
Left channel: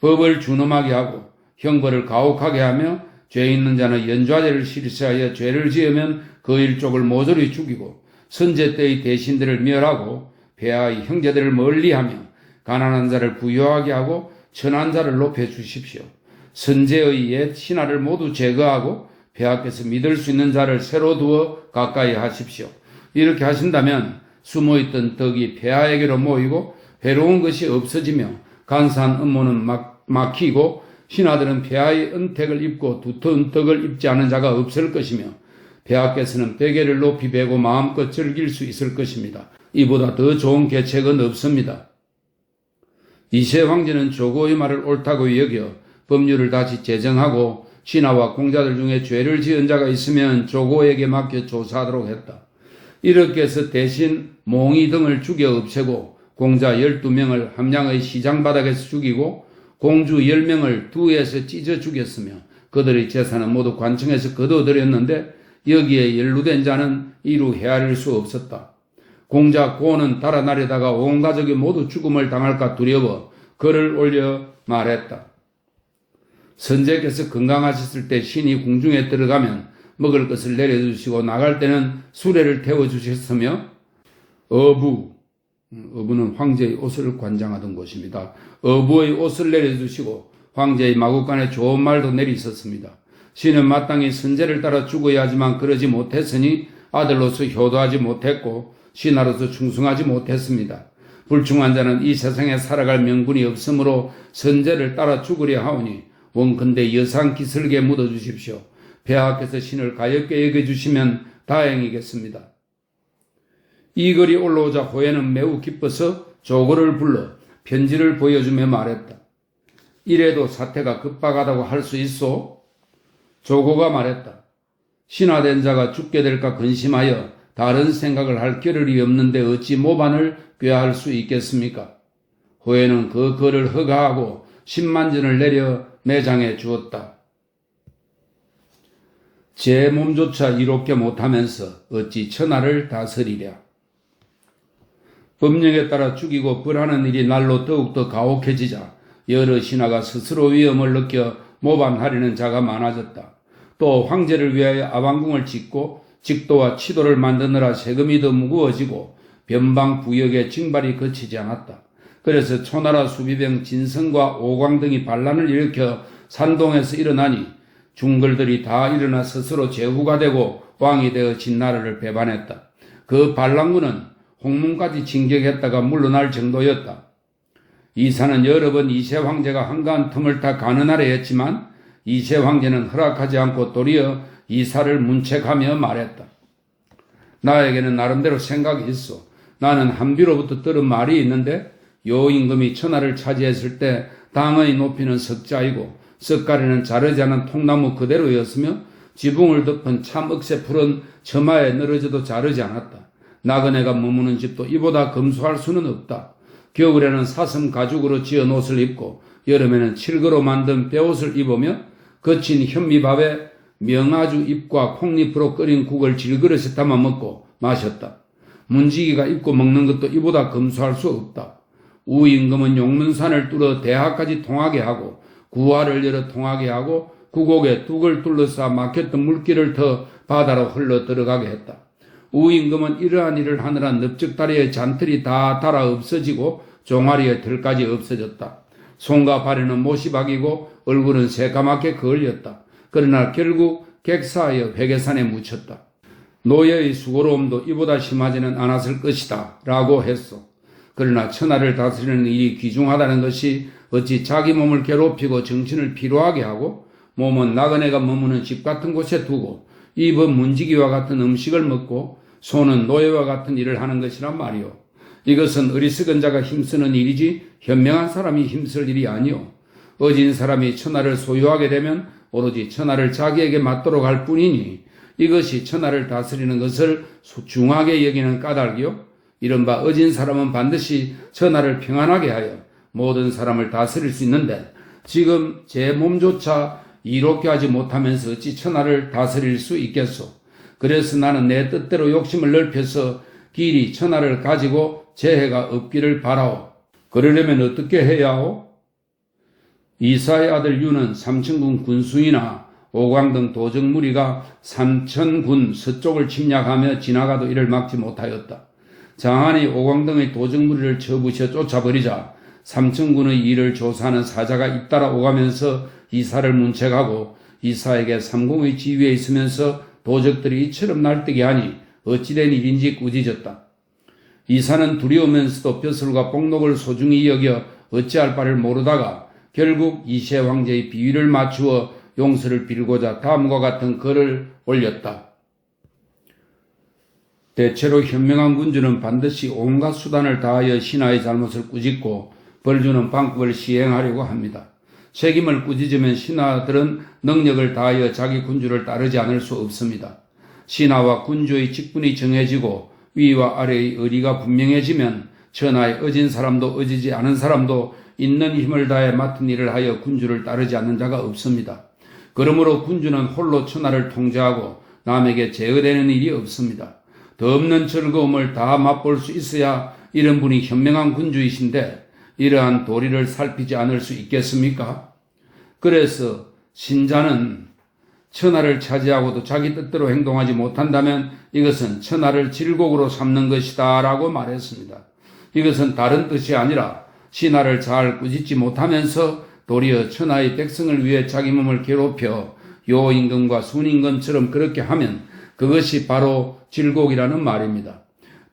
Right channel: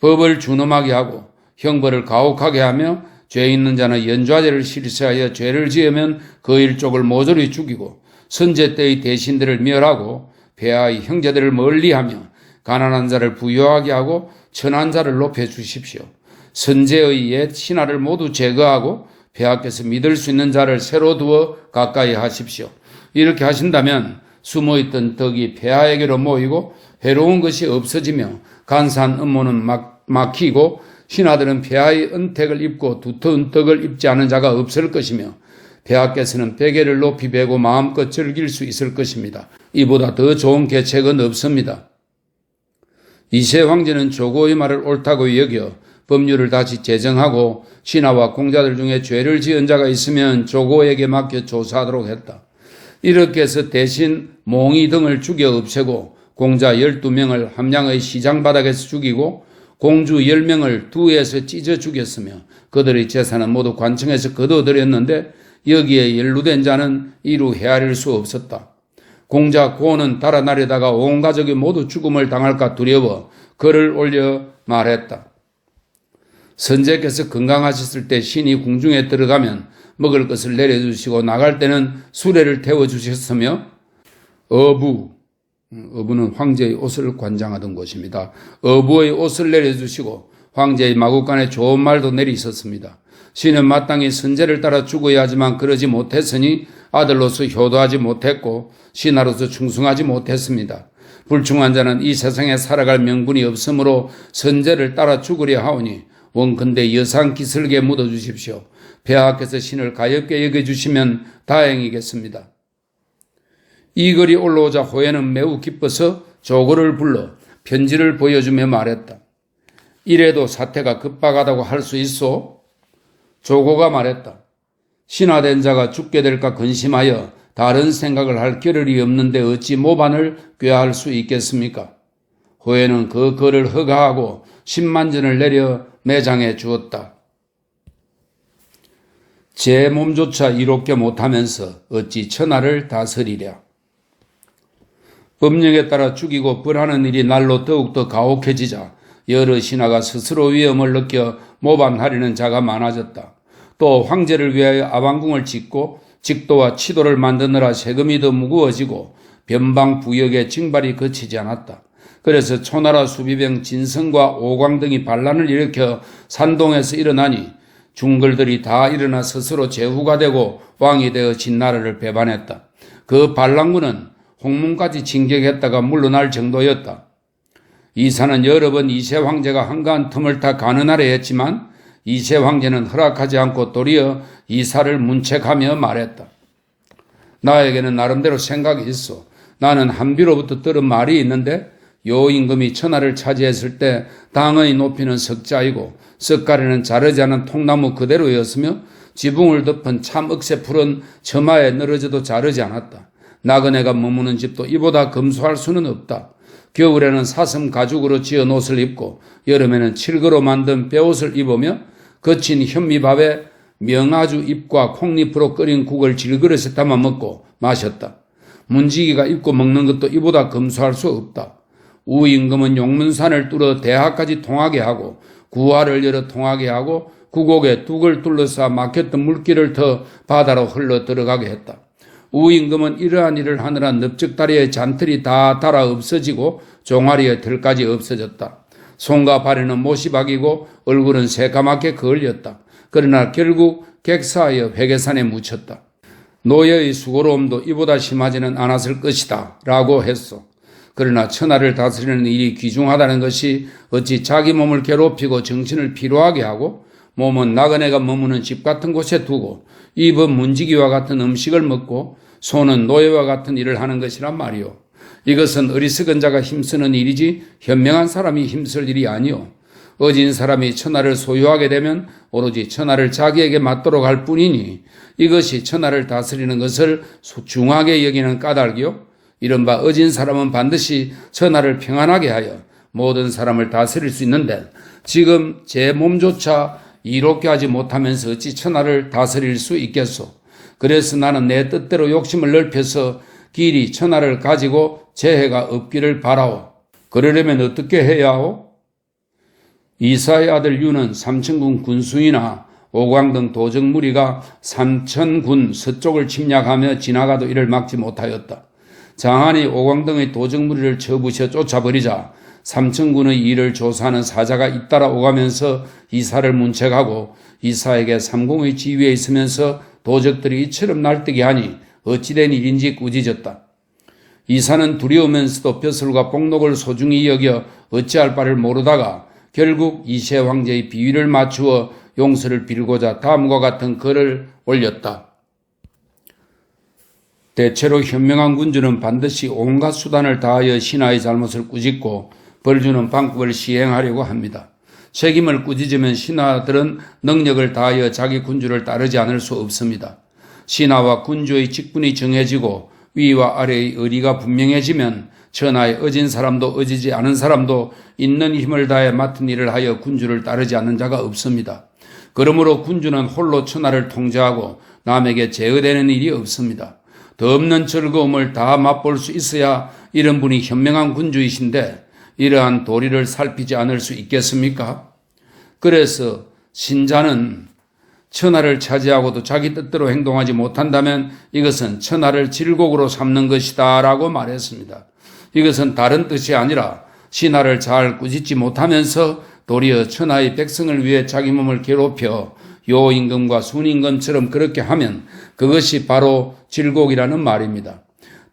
법을 준엄하게 하고 형벌을 가혹하게 하며 죄 있는 자는 연좌제를 실시하여 죄를 지으면 그 일족을 모조리 죽이고 선제 때의 대신들을 멸하고 폐하의 형제들을 멀리하며 가난한 자를 부유하게 하고 천한 자를 높여주십시오. 선제의 옛 신하를 모두 제거하고 폐하께서 믿을 수 있는 자를 새로 두어 가까이 하십시오. 이렇게 하신다면 숨어있던 덕이 폐하에게로 모이고 해로운 것이 없어지며 간사한 업무는 막히고 신하들은 폐하의 은택을 입고 두터운 떡을 입지 않은 자가 없을 것이며 폐하께서는 베개를 높이 베고 마음껏 즐길 수 있을 것입니다. 이보다 더 좋은 계책은 없습니다. 이세 황제는 조고의 말을 옳다고 여겨 법률을 다시 제정하고 신하와 공자들 중에 죄를 지은 자가 있으면 조고에게 맡겨 조사하도록 했다. 이렇게 해서 대신 몽이 등을 죽여 없애고 공자 12명을 함양의 시장 바닥에서 죽이고 공주 10명을 두에서 찢어 죽였으며 그들의 재산은 모두 관청에서 거둬들였는데 여기에 연루된 자는 이루 헤아릴 수 없었다. 공자 고는 달아나려다가 온 가족이 모두 죽음을 당할까 두려워 글을 올려 말했다. 선제께서 건강하셨을 때 신이 궁중에 들어가면 먹을 것을 내려주시고 나갈 때는 수레를 태워주셨으며 어부는 황제의 옷을 관장하던 곳입니다. 어부의 옷을 내려주시고 황제의 마구간에 좋은 말도 내리셨습니다. 신은 마땅히 선제를 따라 죽어야 하지만 그러지 못했으니 아들로서 효도하지 못했고 신하로서 충성하지 못했습니다. 불충한 자는 이 세상에 살아갈 명분이 없으므로 선제를 따라 죽으려 하오니 원컨대 여상 기슬게 묻어주십시오. 폐하께서 신을 가엽게 여겨주시면 다행이겠습니다. 이 글이 올라오자 호에는 매우 기뻐서 조고를 불러 편지를 보여주며 말했다. 이래도 사태가 급박하다고 할 수 있소? 조고가 말했다. 신하된 자가 죽게 될까 근심하여 다른 생각을 할 겨를이 없는데 어찌 모반을 꾀할 수 있겠습니까? 호에는 그 글을 허가하고 10만전을 내려 매장해 주었다. 제 몸조차 이롭게 못하면서 어찌 천하를 다스리랴. 법령에 따라 죽이고 벌하는 일이 날로 더욱더 가혹해지자 여러 신하가 스스로 위험을 느껴 모반하려는 자가 많아졌다. 또 황제를 위하여 아방궁을 짓고 직도와 치도를 만드느라 세금이 더 무거워지고 변방 부역의 징발이 그치지 않았다. 그래서 초나라 수비병 진성과 오광 등이 반란을 일으켜 산동에서 일어나니 중글들이 다 일어나 스스로 제후가 되고 왕이 되어 진나라를 배반했다. 그 반란군은 홍문까지 진격했다가 물러날 정도였다. 이사는 여러 번 이세 황제가 한가한 틈을 타 가느하려 했지만 이세 황제는 허락하지 않고 도리어 이사를 문책하며 말했다. 나에게는 나름대로 생각이 있어. 나는 한비로부터 들은 말이 있는데 요임금이 천하를 차지했을 때 당의 높이는 석자이고 석가리는 자르지 않은 통나무 그대로였으며 지붕을 덮은 참 억새풀은 처마에 늘어져도 자르지 않았다. 나그네가 머무는 집도 이보다 검소할 수는 없다. 겨울에는 사슴 가죽으로 지은 옷을 입고 여름에는 칠거로 만든 벼옷을 입으며 거친 현미밥에 명아주 잎과 콩잎으로 끓인 국을 질그릇에 담아 먹고 마셨다. 문지기가 입고 먹는 것도 이보다 검소할 수 없다. 우임금은 용문산을 뚫어 대하까지 통하게 하고 구하를 열어 통하게 하고 구곡에 둑을 둘러싸 막혔던 물길을 터 바다로 흘러 들어가게 했다. 우임금은 이러한 일을 하느라 넓적다리의 잔틀이 다 닳아 없어지고 종아리의 털까지 없어졌다. 손과 발에는 못이 박이고 얼굴은 새까맣게 그을렸다. 그러나 결국 객사하여 회계산에 묻혔다. 노예의 수고로움도 이보다 심하지는 않았을 것이다 라고 했소. 그러나 천하를 다스리는 일이 귀중하다는 것이 어찌 자기 몸을 괴롭히고 정신을 피로하게 하고 몸은 나그네가 머무는 집 같은 곳에 두고 입은 문지기와 같은 음식을 먹고 손은 노예와 같은 일을 하는 것이란 말이오. 이것은 어리석은 자가 힘쓰는 일이지 현명한 사람이 힘쓸 일이 아니오. 어진 사람이 천하를 소유하게 되면 오로지 천하를 자기에게 맞도록 할 뿐이니 이것이 천하를 다스리는 것을 중하게 여기는 까닭이요. 이른바 어진 사람은 반드시 천하를 평안하게 하여 모든 사람을 다스릴 수 있는데 지금 제 몸조차 이롭게 하지 못하면서 어찌 천하를 다스릴 수 있겠소. 그래서 나는 내 뜻대로 욕심을 넓혀서 길이 천하를 가지고 재해가 없기를 바라오. 그러려면 어떻게 해야 하오? 이사의 아들 유는 삼천군 군수이나 오광 등 도적 무리가 삼천군 서쪽을 침략하며 지나가도 이를 막지 못하였다. 장한이 오광 등의 도적 무리를 쳐부셔 쫓아버리자 삼천군의 일을 조사하는 사자가 잇따라 오가면서 이사를 문책하고 이사에게 삼공의 지위에 있으면서 도적들이 이처럼 날뛰게 하니 어찌된 일인지 꾸짖었다. 이사는 두려우면서도 벼슬과 복록을 소중히 여겨 어찌할 바를 모르다가 결국 이세 황제의 비위를 맞추어 용서를 빌고자 다음과 같은 글을 올렸다. 대체로 현명한 군주는 반드시 온갖 수단을 다하여 신하의 잘못을 꾸짖고 벌주는 방법을 시행하려고 합니다. 책임을 꾸짖으면 신하들은 능력을 다하여 자기 군주를 따르지 않을 수 없습니다. 신하와 군주의 직분이 정해지고 위와 아래의 의리가 분명해지면 천하에 어진 사람도 어지지 않은 사람도 있는 힘을 다해 맡은 일을 하여 군주를 따르지 않는 자가 없습니다. 그러므로 군주는 홀로 천하를 통제하고 남에게 제어되는 일이 없습니다. 더 없는 즐거움을 다 맛볼 수 있어야 이런 분이 현명한 군주이신데 이러한 도리를 살피지 않을 수 있겠습니까? 그래서 신자는 천하를 차지하고도 자기 뜻대로 행동하지 못한다면 이것은 천하를 질곡으로 삼는 것이다 라고 말했습니다. 이것은 다른 뜻이 아니라 신하를 잘 꾸짖지 못하면서 도리어 천하의 백성을 위해 자기 몸을 괴롭혀 요임금과 순임금처럼 그렇게 하면 그것이 바로 질곡이라는 말입니다.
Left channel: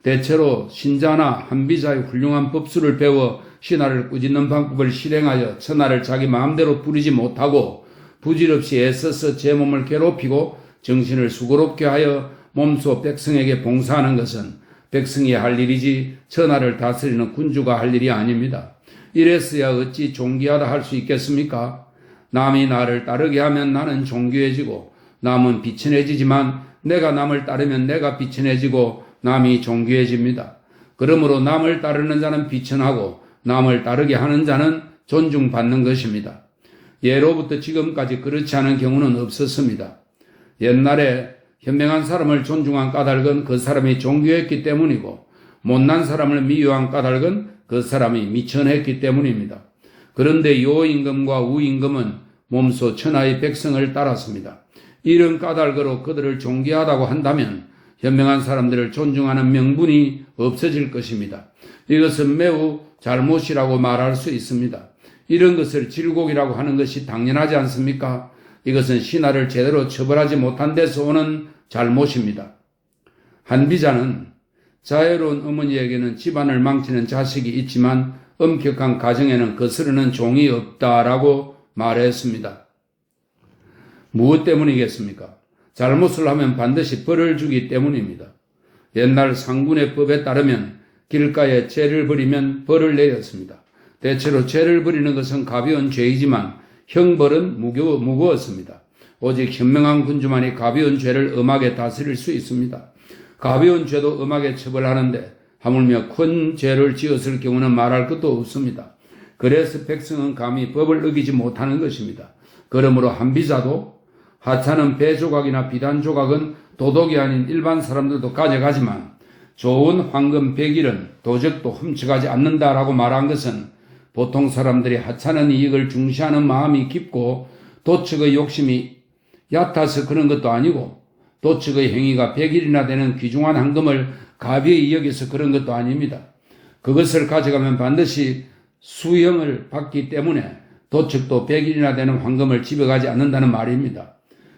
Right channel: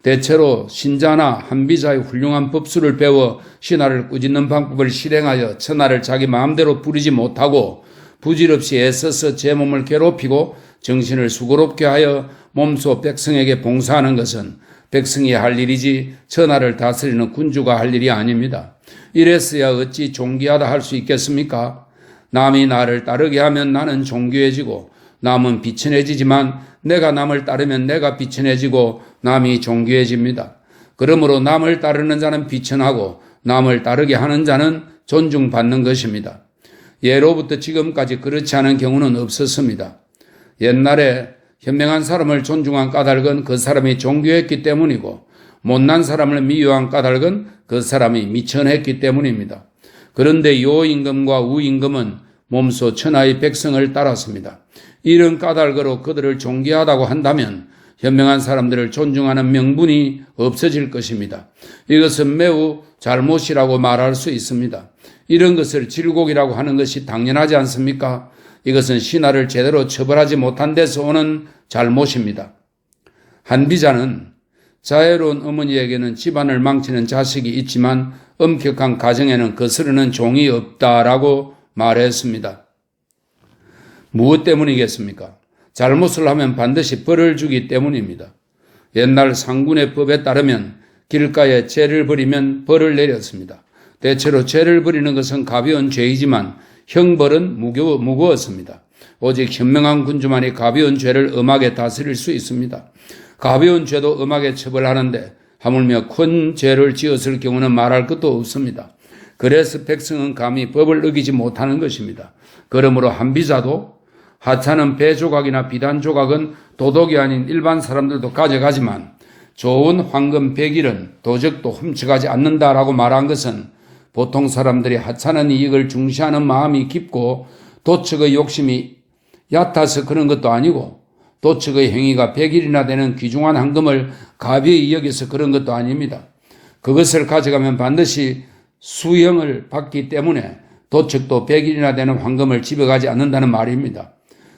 대체로 신자나 한비자의 훌륭한 법수를 배워 신하를 꾸짖는 방법을 실행하여 천하를 자기 마음대로 부리지 못하고 부질없이 애써서 제 몸을 괴롭히고 정신을 수고롭게 하여 몸소 백성에게 봉사하는 것은 백성이 할 일이지 천하를 다스리는 군주가 할 일이 아닙니다. 이랬어야 어찌 존귀하다 할 수 있겠습니까? 남이 나를 따르게 하면 나는 존귀해지고 남은 비천해지지만 내가 남을 따르면 내가 비천해지고 남이 존귀해집니다. 그러므로 남을 따르는 자는 비천하고 남을 따르게 하는 자는 존중받는 것입니다. 예로부터 지금까지 그렇지 않은 경우는 없었습니다. 옛날에 현명한 사람을 존중한 까닭은 그 사람이 존귀했기 때문이고 못난 사람을 미워한 까닭은 그 사람이 미천했기 때문입니다. 그런데 요임금과 우임금은 몸소 천하의 백성을 따랐습니다. 이런 까닭으로 그들을 존귀하다고 한다면 현명한 사람들을 존중하는 명분이 없어질 것입니다. 이것은 매우 잘못이라고 말할 수 있습니다. 이런 것을 질곡이라고 하는 것이 당연하지 않습니까? 이것은 신하를 제대로 처벌하지 못한 데서 오는 잘못입니다. 한비자는 자애로운 어머니에게는 집안을 망치는 자식이 있지만 엄격한 가정에는 거스르는 종이 없다라고 말했습니다. 무엇 때문이겠습니까? 잘못을 하면 반드시 벌을 주기 때문입니다. 옛날 상군의 법에 따르면 길가에 죄를 벌이면 벌을 내렸습니다. 대체로 죄를 벌이는 것은 가벼운 죄이지만 형벌은 무거웠습니다. 오직 현명한 군주만이 가벼운 죄를 엄하게 다스릴 수 있습니다. 가벼운 죄도 엄하게 처벌하는데 하물며 큰 죄를 지었을 경우는 말할 것도 없습니다. 그래서 백성은 감히 법을 어기지 못하는 것입니다. 그러므로 한비자도 하찮은 배 조각이나 비단 조각은 도덕이 아닌 일반 사람들도 가져가지만 좋은 황금 백일은 도적도 훔쳐가지 않는다라고 말한 것은 보통 사람들이 하찮은 이익을 중시하는 마음이 깊고 도척의 욕심이 얕아서 그런 것도 아니고 도척의 행위가 100일이나 되는 귀중한 황금을 가벼이 여겨서 그런 것도 아닙니다. 그것을 가져가면 반드시 수형을 받기 때문에 도척도 100일이나 되는 황금을 집에 가지 않는다는 말입니다.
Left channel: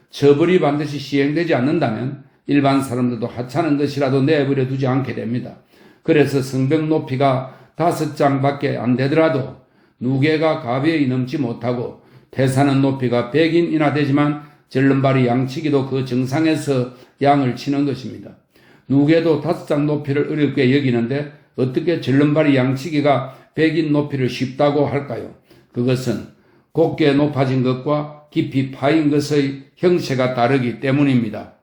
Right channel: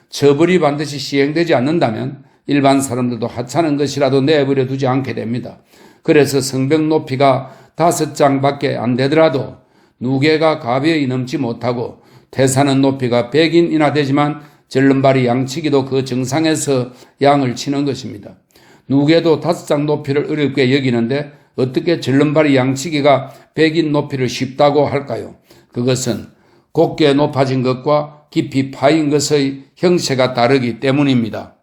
처벌이 반드시 시행되지 않는다면 일반 사람들도 하찮은 것이라도 내버려 두지 않게 됩니다. 그래서 성벽 높이가 5장밖에 안 되더라도 누계가 가벼이 넘지 못하고 태사는 높이가 100인이나 되지만 절름발이 양치기도 그 정상에서 양을 치는 것입니다. 누계도 5장 높이를 어렵게 여기는데 어떻게 절름발이 양치기가 100인 높이를 쉽다고 할까요? 그것은 곱게 높아진 것과 깊이 파인 것의 형체가 다르기 때문입니다.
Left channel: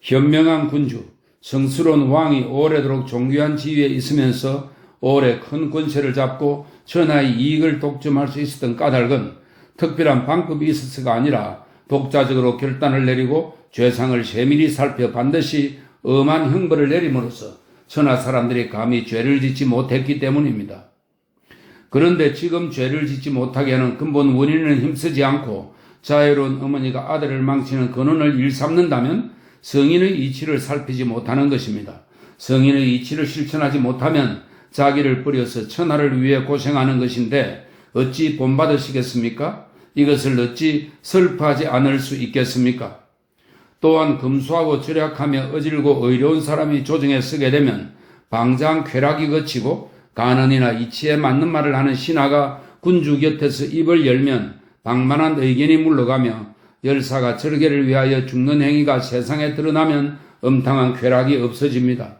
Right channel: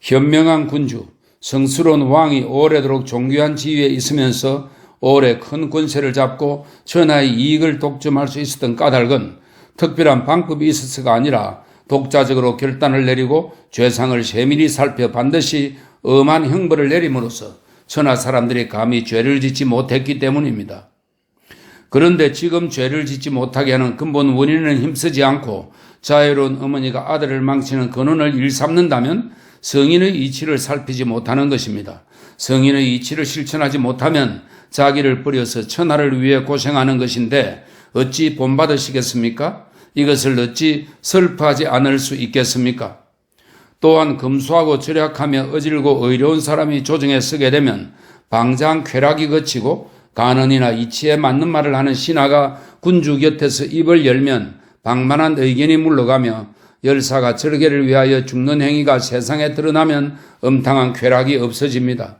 현명한 군주, 성스러운 왕이 오래도록 존귀한 지위에 있으면서 오래 큰 권세를 잡고 천하의 이익을 독점할 수 있었던 까닭은 특별한 방법이 있어서가 아니라 독자적으로 결단을 내리고 죄상을 세밀히 살펴 반드시 엄한 형벌을 내림으로써 천하 사람들이 감히 죄를 짓지 못했기 때문입니다. 그런데 지금 죄를 짓지 못하게 하는 근본 원인은 힘쓰지 않고 자유로운 어머니가 아들을 망치는 근원을 일삼는다면 성인의 이치를 살피지 못하는 것입니다. 성인의 이치를 실천하지 못하면 자기를 버려서 천하를 위해 고생하는 것인데 어찌 본받으시겠습니까? 이것을 어찌 슬퍼하지 않을 수 있겠습니까? 또한 검소하고 절약하며 어질고 의로운 사람이 조정에 서게 되면 방장 쾌락이 거치고 간언이나 이치에 맞는 말을 하는 신하가 군주 곁에서 입을 열면 방만한 의견이 물러가며 열사가 절개를 위하여 죽는 행위가 세상에 드러나면 엄탕한 쾌락이 없어집니다.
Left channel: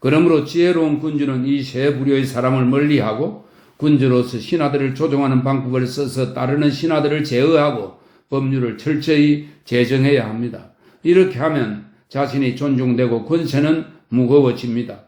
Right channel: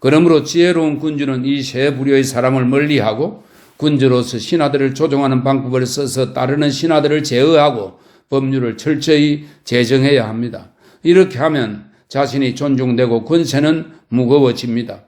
그러므로 지혜로운 군주는 이 세 부류의 사람을 멀리하고 군주로서 신하들을 조종하는 방법을 써서 따르는 신하들을 제어하고 법률을 철저히 제정해야 합니다. 이렇게 하면 자신이 존중되고 권세는 무거워집니다.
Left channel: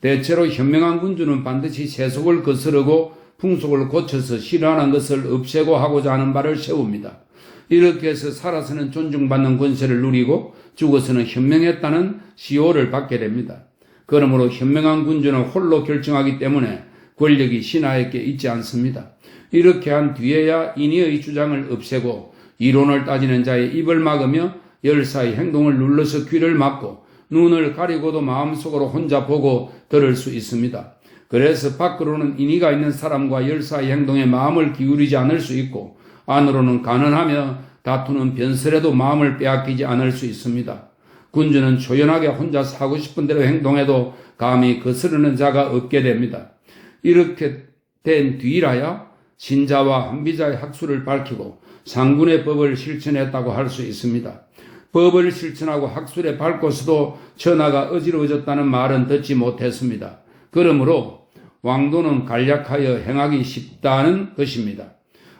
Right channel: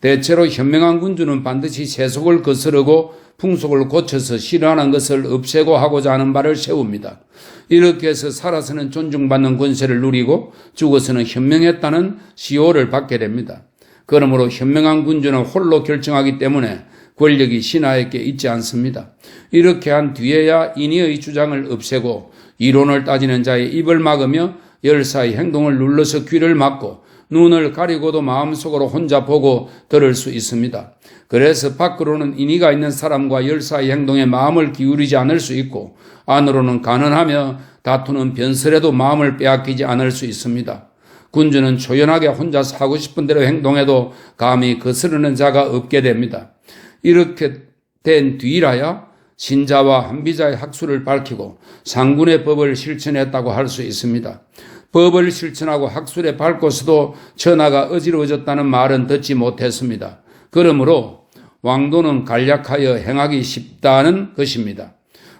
대체로 현명한 군주는 반드시 세속을 거스르고 풍속을 고쳐서 싫어하는 것을 없애고 하고자 하는 바를 세웁니다. 이렇게 해서 살아서는 존중받는 권세를 누리고 죽어서는 현명했다는 시호를 받게 됩니다. 그러므로 현명한 군주는 홀로 결정하기 때문에 권력이 신하에게 있지 않습니다. 이렇게 한 뒤에야 인의의 주장을 없애고 이론을 따지는 자의 입을 막으며 열사의 행동을 눌러서 귀를 막고 눈을 가리고도 마음속으로 혼자 보고 들을 수 있습니다. 그래서 밖으로는 인의가 있는 사람과 열사의 행동에 마음을 기울이지 않을 수 있고 안으로는 가난하며 다투는 변설에도 마음을 빼앗기지 않을 수 있습니다. 군주는 초연하게 혼자 사고 싶은 대로 행동해도 감히 거스르는 자가 없게 됩니다. 이렇게 된 뒤라야 신자와 한비자의 학술을 밝히고 상군의 법을 실천했다고 할 수 있습니다. 법을 실천하고 학술에 밝고서도 천하가 어지러워졌다는 말은 듣지 못했습니다. 그러므로 왕도는 간략하여 행하기 쉽다는 것입니다.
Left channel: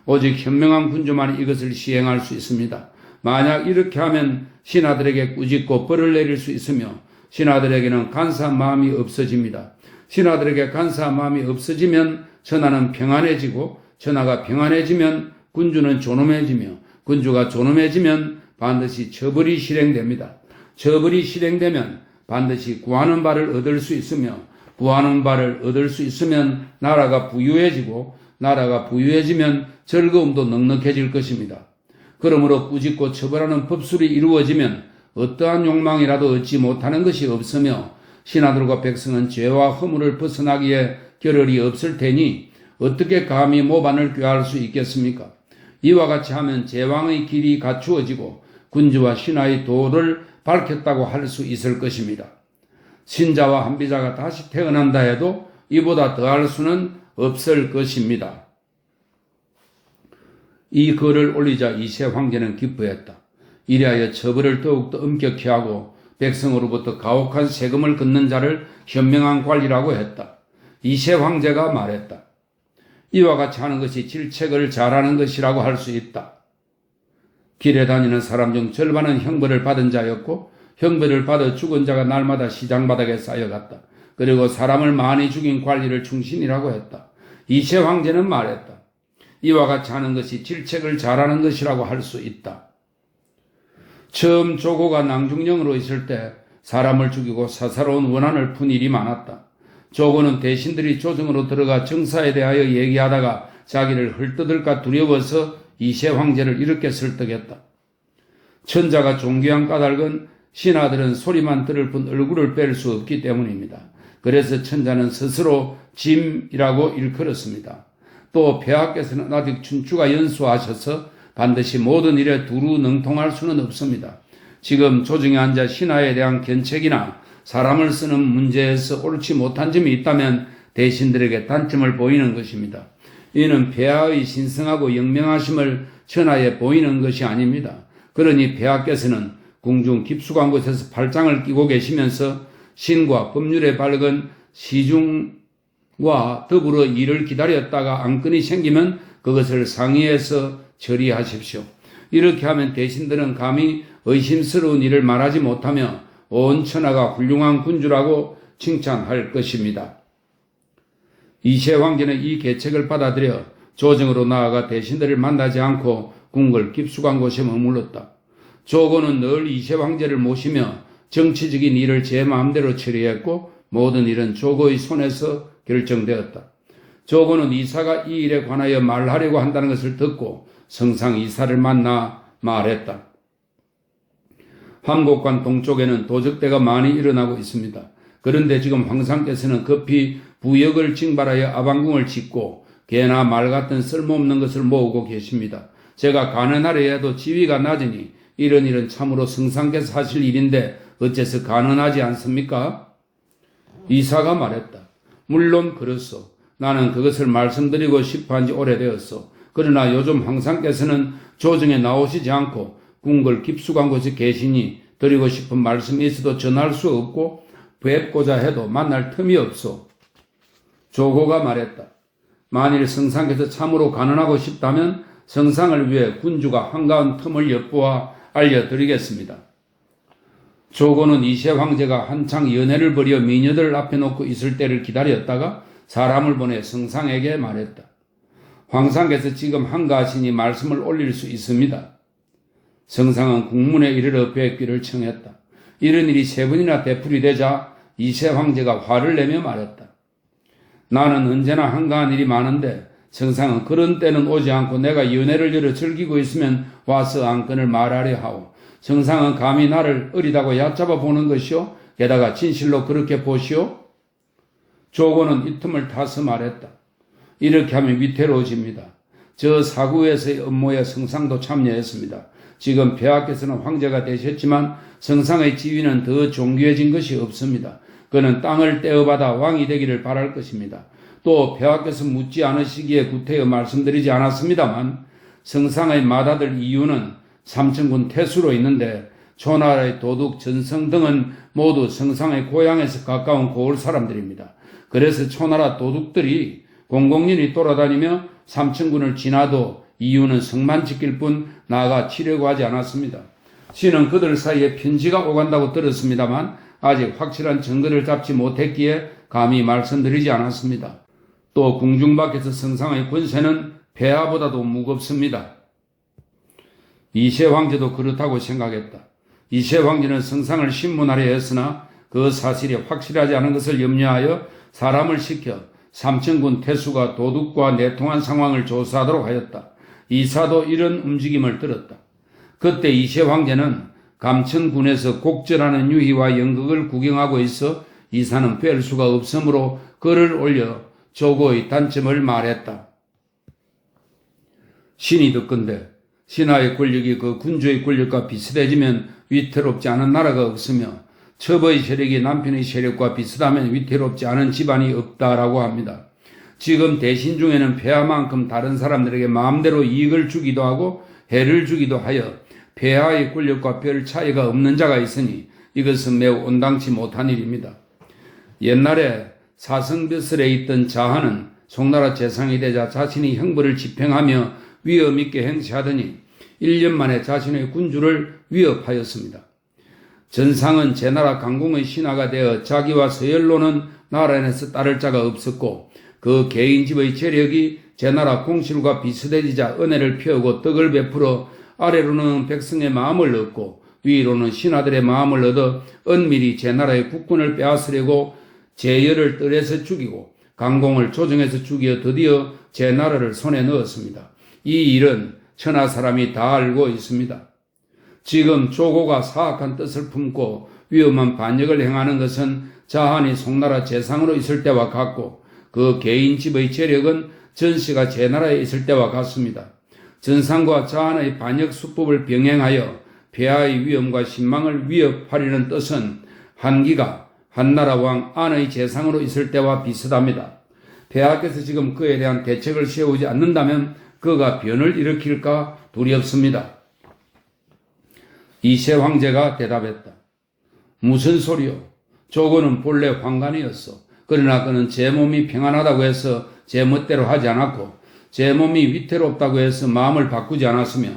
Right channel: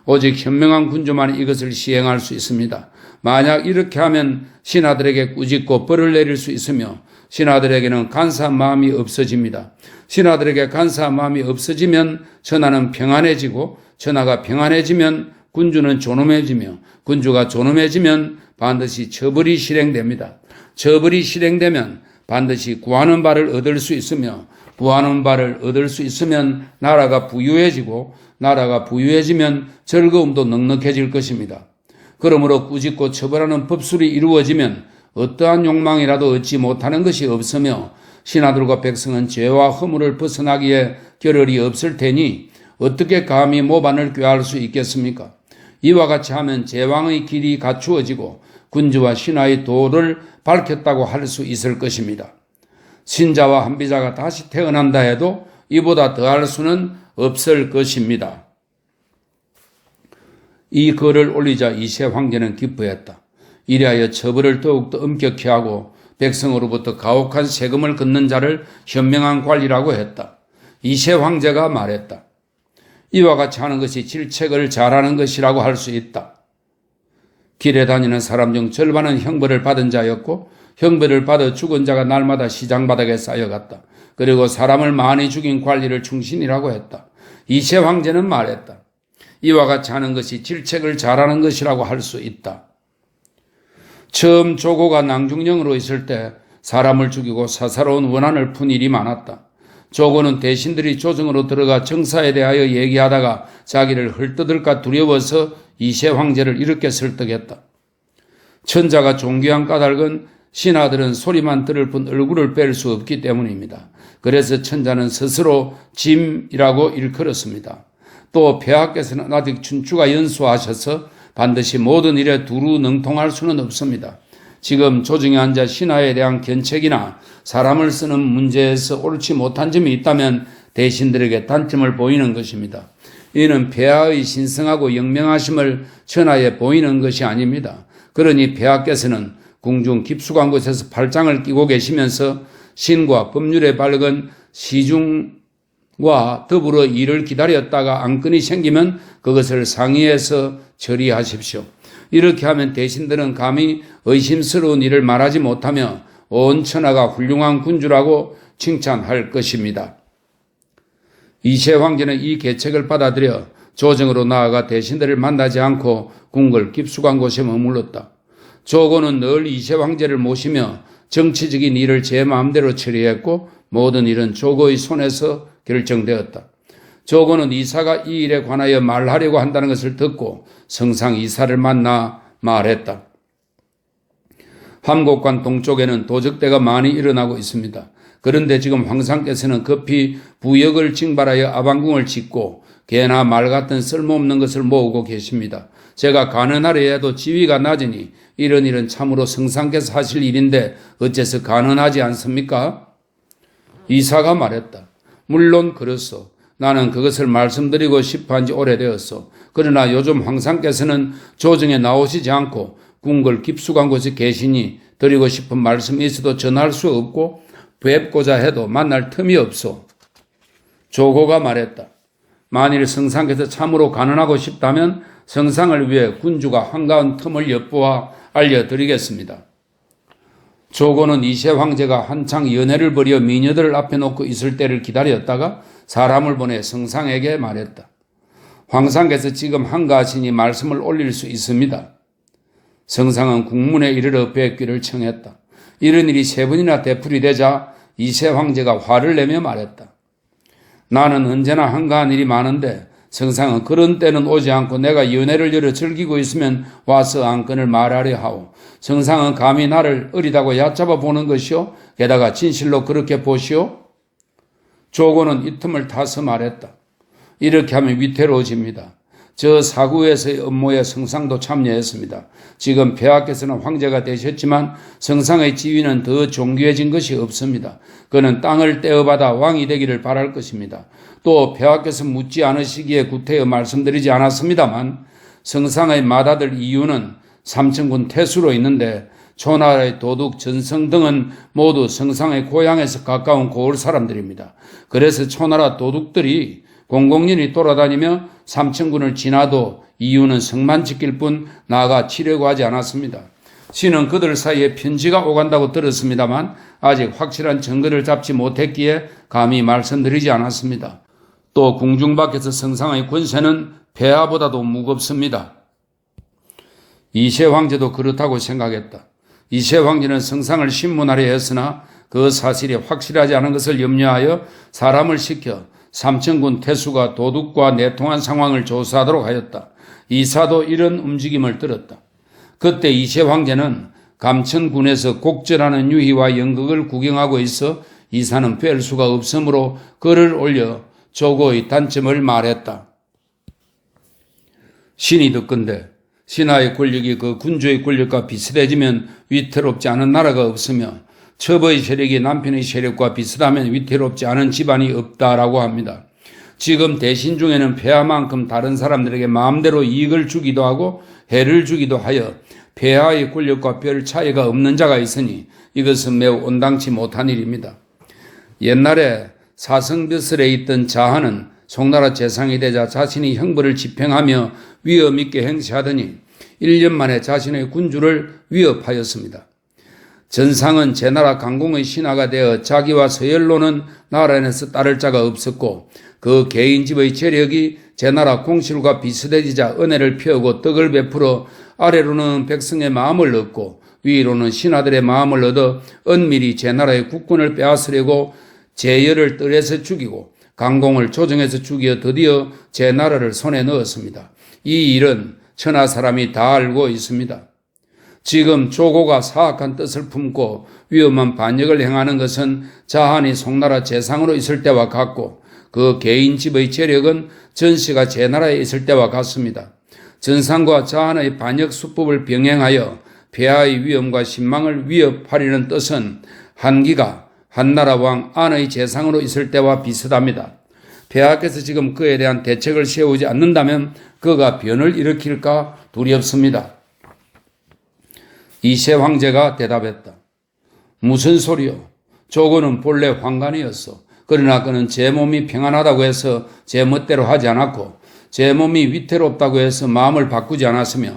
오직 현명한 군주만 이것을 시행할 수 있습니다. 만약 이렇게 하면 신하들에게 꾸짖고 벌을 내릴 수 있으며 신하들에게는 간사한 마음이 없어집니다. 신하들에게 간사한 마음이 없어지면 천하는 평안해지고 천하가 평안해지면 군주는 존엄해지며 군주가 존엄해지면 반드시 처벌이 실행됩니다. 처벌이 실행되면 반드시 구하는 바를 얻을 수 있으며 구하는 바를 얻을 수 있으면 나라가 부유해지고 나라가 부유해지면 즐거움도 넉넉해질 것입니다. 그러므로 꾸짖고 처벌하는 법술이 이루어지면 어떠한 욕망이라도 얻지 못하는 것이 없으며 신하들과 백성은 죄와 허물을 벗어나기에 겨를이 없을 테니 어떻게 감히 모반을 꾀할 수 있겠습니까? 이와 같이 하면 제왕의 길이 갖추어지고 군주와 신하의 도를 밝혔다고 할 수 있을 것입니다. 신자와 한비자가 다시 태어난다 해도 이보다 더할 수는 없을 것입니다. 이 글을 올리자 이세 황제는 기뻐했다. 이리하여 처벌을 더욱더 엄격히 하고 백성으로부터 가혹한 세금을 걷는 자를 현명한 관리라고 했다. 이세 황제가 말했다. 이와 같이 하는 것이 질책을 잘하는 것이라고 할 수 있다. 길에 다니는 사람 중 절반은 형벌을 받은 자였고 형벌을 받아 죽은 자가 날마다 시장 바닥에 쌓여갔다. 그리고 사람을 많이 죽인 관리를 충신이라고 했다. 이세 황제는 말했다. 이와 같이 하는 것이 질책을 잘하는 것이라고 할 수 있다. 처음 조고가 낭중령으로 있을 때 사람을 죽이고 사사로운 원한을 푼 일이 많았다. 조고는 대신들이 조정으로 들어가 정사에 대하여 얘기하다가 자기를 헐뜯을까 두려워서 이세 황제를 이렇게 설득했다. 천자가 존귀한 까닭은 신하들은 소리만 들을 뿐 얼굴을 뺄 수 없기 때문입니다. 그래서 천자는 스스로 짐이라고 일컬었습니다. 또 폐하께서는 아직 춘추가 연수하셔서 반드시 모든 일에 두루 능통할 수는 없습니다. 지금 조정에 앉아 신하에 대한 견책이나 사람을 쓰는 문제에서 옳지 못한 점이 있다면 대신들에게 단점을 보이는 것입니다. 이는 폐하의 신성하고 영명하심을 천하에 보이는 것이 아닙니다. 그러니 폐하께서는 궁중 깊숙한 곳에서 팔짱을 끼고 계시면서 신과 법률에 밝은 시중과 더불어 일을 기다렸다가 안건이 생기면 그것을 상의해서 처리하십시오. 이렇게 하면 대신들은 감히 의심스러운 일을 말하지 못하며 온 천하가 훌륭한 군주라고 칭찬할 것입니다. 이세 황제는 이 계책을 받아들여 조정으로 나아가 대신들을 만나지 않고 궁궐 깊숙한 곳에 머물렀다. 조고는 늘 이세 황제를 모시며 정치적인 일을 제 마음대로 처리했고 모든 일은 조고의 손에서 결정되었다. 조고는 이사가 이 일에 관하여 말하려고 한다는 것을 듣고 성상 이사를 만나 말했다. 함곡관 동쪽에는 도적대가 많이 일어나고 있습니다. 그런데 지금 황상께서는 급히 부역을 징발하여 아방궁을 짓고 개나 말 같은 쓸모없는 것을 모으고 계십니다. 제가 가능하려 해도 지위가 낮으니 이런 일은 참으로 성상께서 하실 일인데 어째서 가능하지 않습니까? 이사가 말했다. 물론 그렇소. 나는 그것을 말씀드리고 싶어 한 지 오래되었소. 그러나 요즘 황상께서는 조정에 나오시지 않고 궁궐 깊숙한 곳에 계시니 드리고 싶은 말씀이 있어도 전할 수 없고 뵙고자 해도 만날 틈이 없소. 조고가 말했다. 만일 성상께서 참으로 가능하고 싶다면 성상을 위해 군주가 한가한 틈을 엿보아 알려드리겠습니다. 조고는 이세 황제가 한창 연애를 벌여 미녀들을 앞에 놓고 있을 때를 기다렸다가 사람을 보내 성상에게 말했다. 황상께서 지금 한가하시니 말씀을 올릴 수 있습니다. 성상은 국문에 이르러 뵙기를 청했다. 이런 일이 세 번이나 되풀이되자 이세 황제가 화를 내며 말했다. 나는 언제나 한가한 일이 많은데 성상은 그런 때는 오지 않고 내가 연애를 열어 즐기고 있으면 와서 안건을 말하려 하오. 성상은 감히 나를 어리다고 얕잡아 보는 것이오? 게다가 진실로 그렇게 보시오? 조고는 이 틈을 타서 말했다. 이렇게 하면 위태로워집니다. 저 사구에서의 업무에 성상도 참여했습니다. 지금 폐하께서는 황제가 되셨지만 성상의 지위는 더 존귀해진 것이 없습니다. 그는 땅을 떼어받아 왕이 되기를 바랄 것입니다. 또 폐하께서 묻지 않으시기에 구태여 말씀드리지 않았습니다만 성상의 맏아들 이유는 삼천군 태수로 있는데 초나라의 도둑 전성 등은 모두 성상의 고향에서 가까운 고을 사람들입니다. 그래서 초나라 도둑들이 공공연히 돌아다니며 삼천군을 지나도 이유는 성만 지킬 뿐 나아가 치려고 하지 않았습니다. 신은 그들 사이에 편지가 오간다고 들었습니다만 아직 확실한 증거를 잡지 못했기에 감히 말씀드리지 않았습니다. 또 궁중 밖에서 성상의 권세는 폐하보다도 무겁습니다. 이세 황제도 그렇다고 생각했다. 이세 황제는 성상을 신문하려 했으나 그 사실이 확실하지 않은 것을 염려하여 사람을 시켜 삼천군 태수가 도둑과 내통한 상황을 조사하도록 하였다. 이사도 이런 움직임을 들었다. 그때 이세 황제는 감천군에서 곡절하는 유희와 연극을 구경하고 있어 이사는 뵐 수가 없으므로 글을 올려 조고의 단점을 말했다. 신이 듣건대 신하의 권력이 그 군주의 권력과 비슷해지면 위태롭지 않은 나라가 없으며 첩의 세력이 남편의 세력과 비슷하면 위태롭지 않은 집안이 없다라고 합니다. 지금 대신 중에는 폐하만큼 다른 사람들에게 마음대로 이익을 주기도 하고 해를 주기도 하여 폐하의 권력과 별 차이가 없는 자가 있으니 이것은 매우 온당치 못한 일입니다. 옛날에 사성벼슬에 있던 자하는 송나라 재상이 되자 자신이 형벌을 집행하며 위험 있게 행세하더니 1년 만에 자신의 군주를 위협하였습니다. 전상은 제나라 강공의 신하가 되어 자기와 서열로는 나라 안에서 따를 자가 없었고 그 개인 집의 재력이 제나라 공실과 비슷해지자 은혜를 펴고 덕을 베풀어 아래로는 백성의 마음을 얻고 위로는 신하들의 마음을 얻어 은밀히 제나라의 국군을 빼앗으려고 제열을 뜰에서 죽이고 강공을 조정해서 죽여 드디어 제 나라를 손에 넣었습니다. 이 일은 천하 사람이 다 알고 있습니다. 지금 조고가 사악한 뜻을 품고 위험한 반역을 행하는 것은 자한이 송나라 재상으로 있을 때와 같고 그 개인 집의 재력은 전씨가 제 나라에 있을 때와 같습니다. 전상과 자한의 반역 수법을 병행하여 폐하의 위험과 신망을 위협하려는 뜻은 한기가 한나라 왕 안의 재상으로 있을 때와 비슷합니다. 폐하께서 지금 그에 대한 대책을 세우지 않는다면 그가 변을 일으킬까 두렵습니다. 이세 황제가 대답했다. 무슨 소리요? 조고는 본래 황관이었어. 그러나 그는 제 몸이 평안하다고 해서 제 멋대로 하지 않았고 제 몸이 위태롭다고 해서 마음을 바꾸지 않았으며